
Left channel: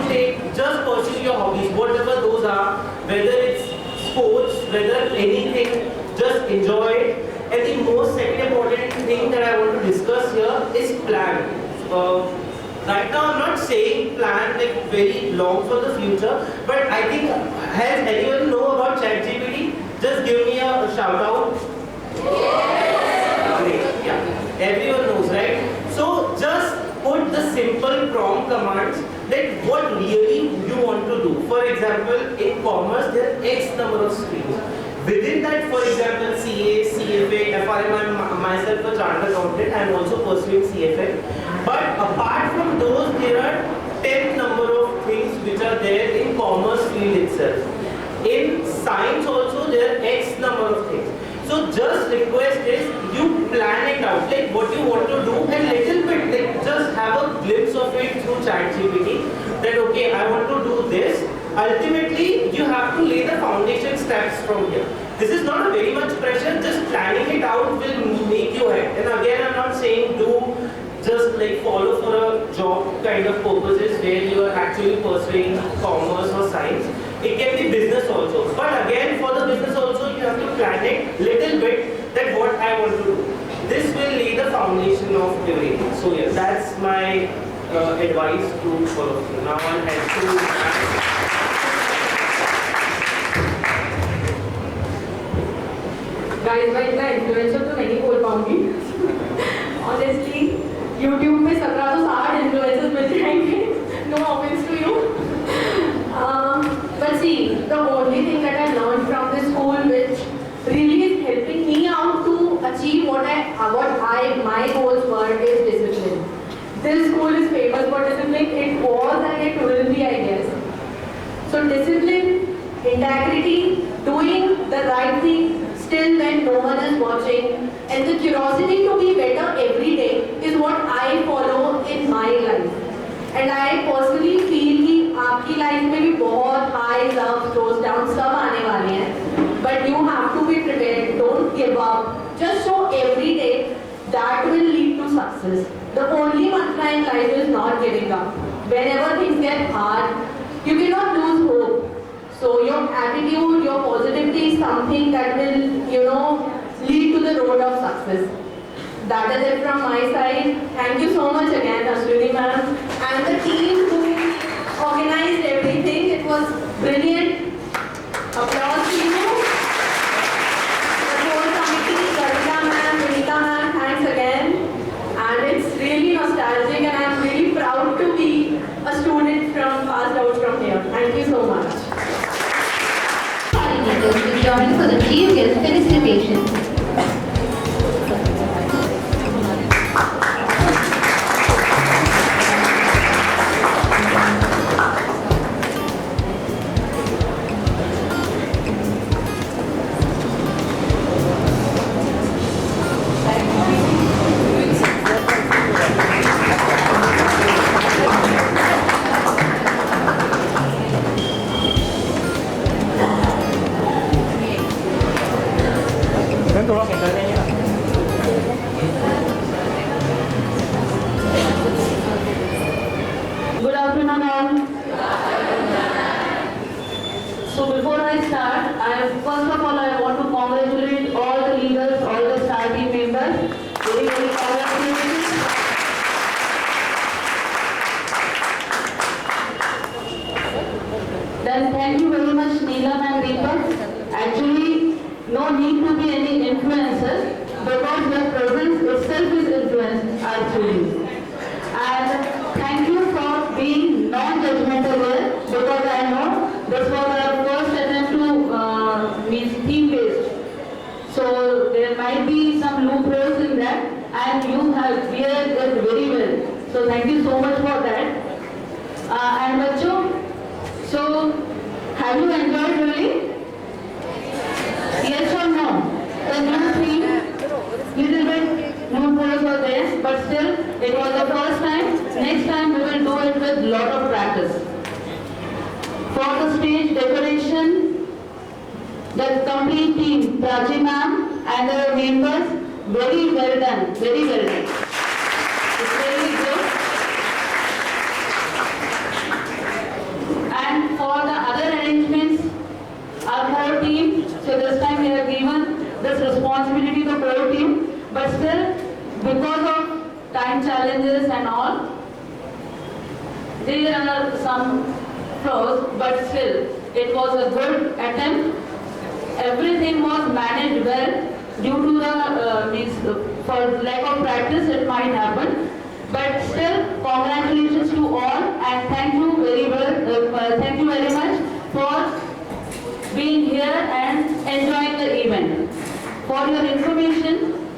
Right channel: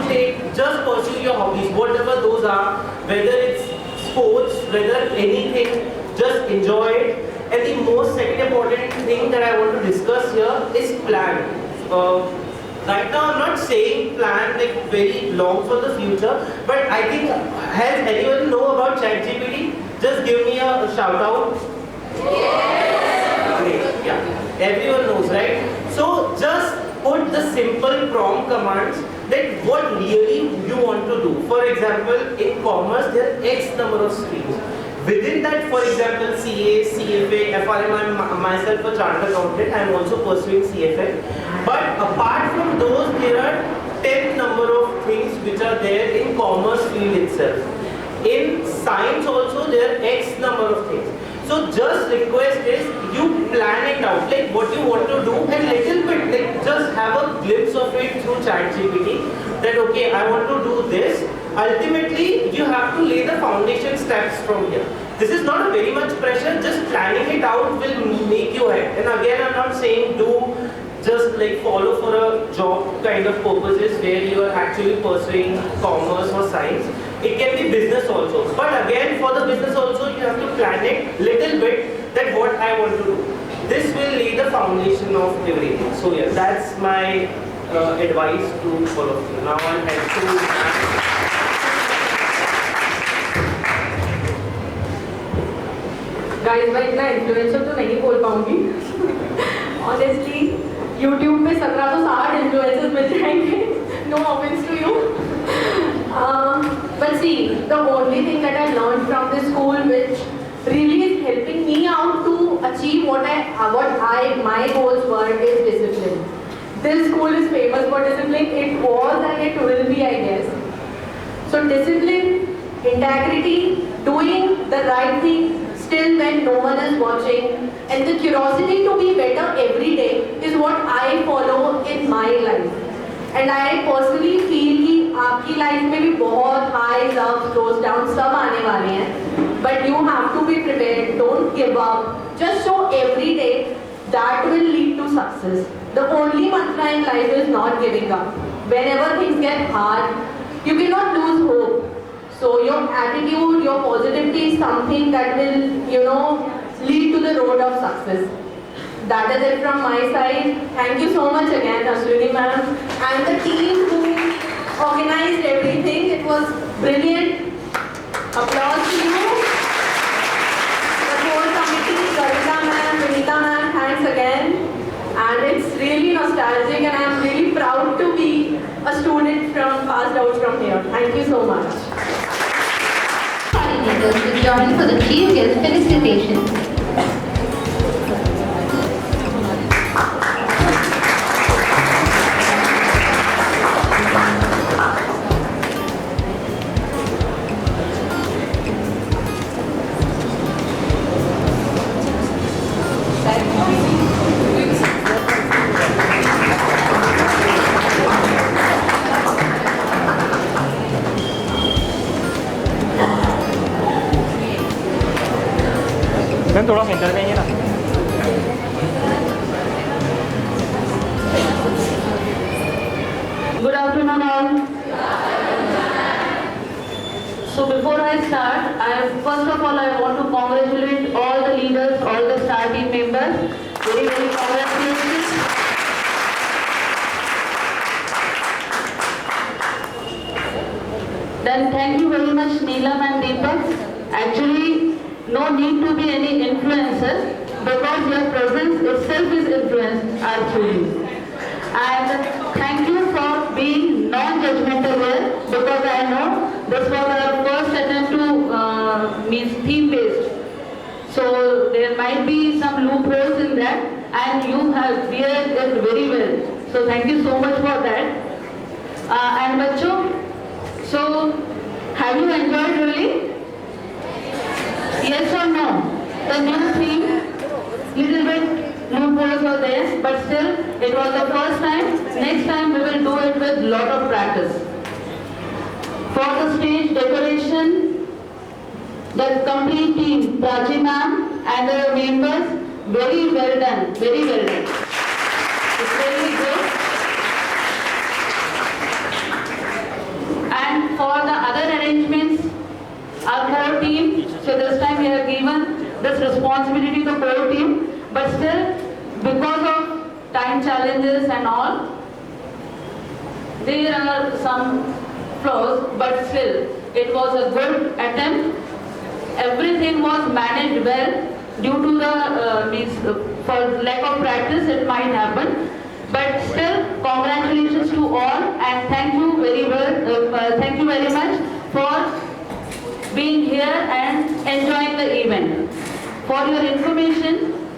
just pursue your hobbies, whatever those are, whether it's sports, whether anything, just enjoy it. And the most second important thing that I want to discuss here is plan. Right now I'm not saying plan like very long for the future, but I think, has anyone know about ChatGPT? Just give me a shout out. Yes. Great. Yeah. Everyone knows, right? So just put the simple prompt commands that what really you want to do. For example, in commerce there are X number of streams. Within that, for example, CA, CFA, FRM, I'm myself a chartered accountant, I'm also pursuing CFA. But apart from those, there are 10 number of things which are there in commerce field itself. In science also, there are X number of things. So just request is you plan it out, like what you want to do, and little bit, like just have a glimpse of it through ChatGPT. That okay, I want to do this. Ultimately, you have to lay the foundation steps from here. This is not a very much pressure, just planning it out will make you ahead. And again, I'm not saying do just like follow for a job kind of purposes where you are actually pursuing commerce or science. It can be business also. But again, for the business also, you have to plan it little bit that what I want to do. This will lay the foundation of everything. So yeah, that's my advice to all of you. Now I'll head to guys मैं इतना influencer तो नहीं बोल पाऊंगी honestly YouTube पे 1760 influencers मिल जाएंगे no offence to you but see the only thing that I learned from this school which really is helping me out to achieve what my goals were is discipline. This school is famous for discipline. It was and it will be, I guess. So discipline, integrity, doing the right thing still when no one is watching, and the curiosity to be better every day is what I follow in my life. And I personally feel कि आपकी life में भी बहुत highs, ups, lows, downs सब आने वाले हैं. But you have to be prepared. Don't give up. Just show every day that will lead to success. The only mantra in life is not giving up. Whenever things get hard, you cannot lose hope. So your attitude, your positivity is something that will, lead to the road of success. That is it from my side. Thank you so much again, Ashwini ma'am, and the team who organized everything. It was brilliant. Applause to you. The whole committee, Garita ma'am, Vinita ma'am, thanks again. And it's really nostalgic, and I am really proud to be a student passed out from here. Thank you so much. Coordinators to join for the chief guest felicitation. थोड़ा centre देंगे ना Good afternoon all. So before I start, first of all I want to congratulate all the leaders, all the star team members. Very very congratulations. Then thank you very much Neelam and Deepak. Actually, no need to be any influencer because your presence itself is influence our students. And thank you for being non-judgmental here because I know this was our first attempt to means theme-based. So there might be some loopholes in that, and you have cleared it very well. So thank you so much for that. And bachcho, so have you enjoyed really? Yes or no? The new theme, little bit loopholes were there, but still it was the first time. Next time we will do it with lot of practice. For the stage decoration, the complete team, Prachi ma'am and the members, very well done, very well done. It's very good. responsibility to the whole team, but still, because of time challenges and all, there are some flaws, but still, it was a good attempt. Everything was managed well. Due to the for lack of practice, it might happen. But still, congratulations to all, and thank you very thank you very much for being here and enjoying the event. For your information,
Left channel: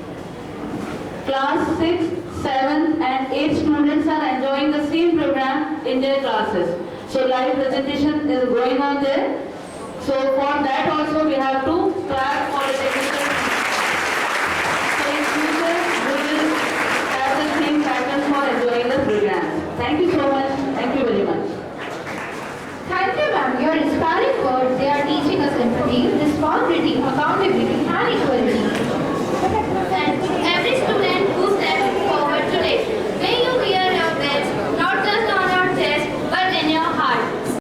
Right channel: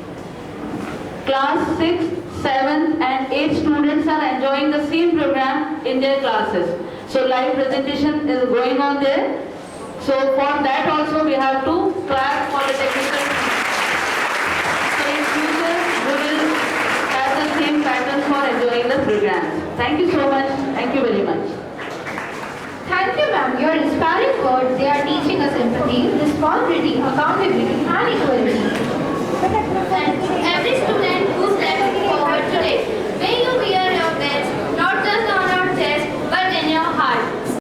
class 6, 7 and 8 students are enjoying the same program in their classes. So live presentation is going on there. So for that also we have to clap for the technical team. So in future we will have the same pattern for enjoying the program. Thank you so much. Thank you very much. Thank you, ma'am. Your inspiring words, they are teaching us empathy, responsibility, accountability, and equality. And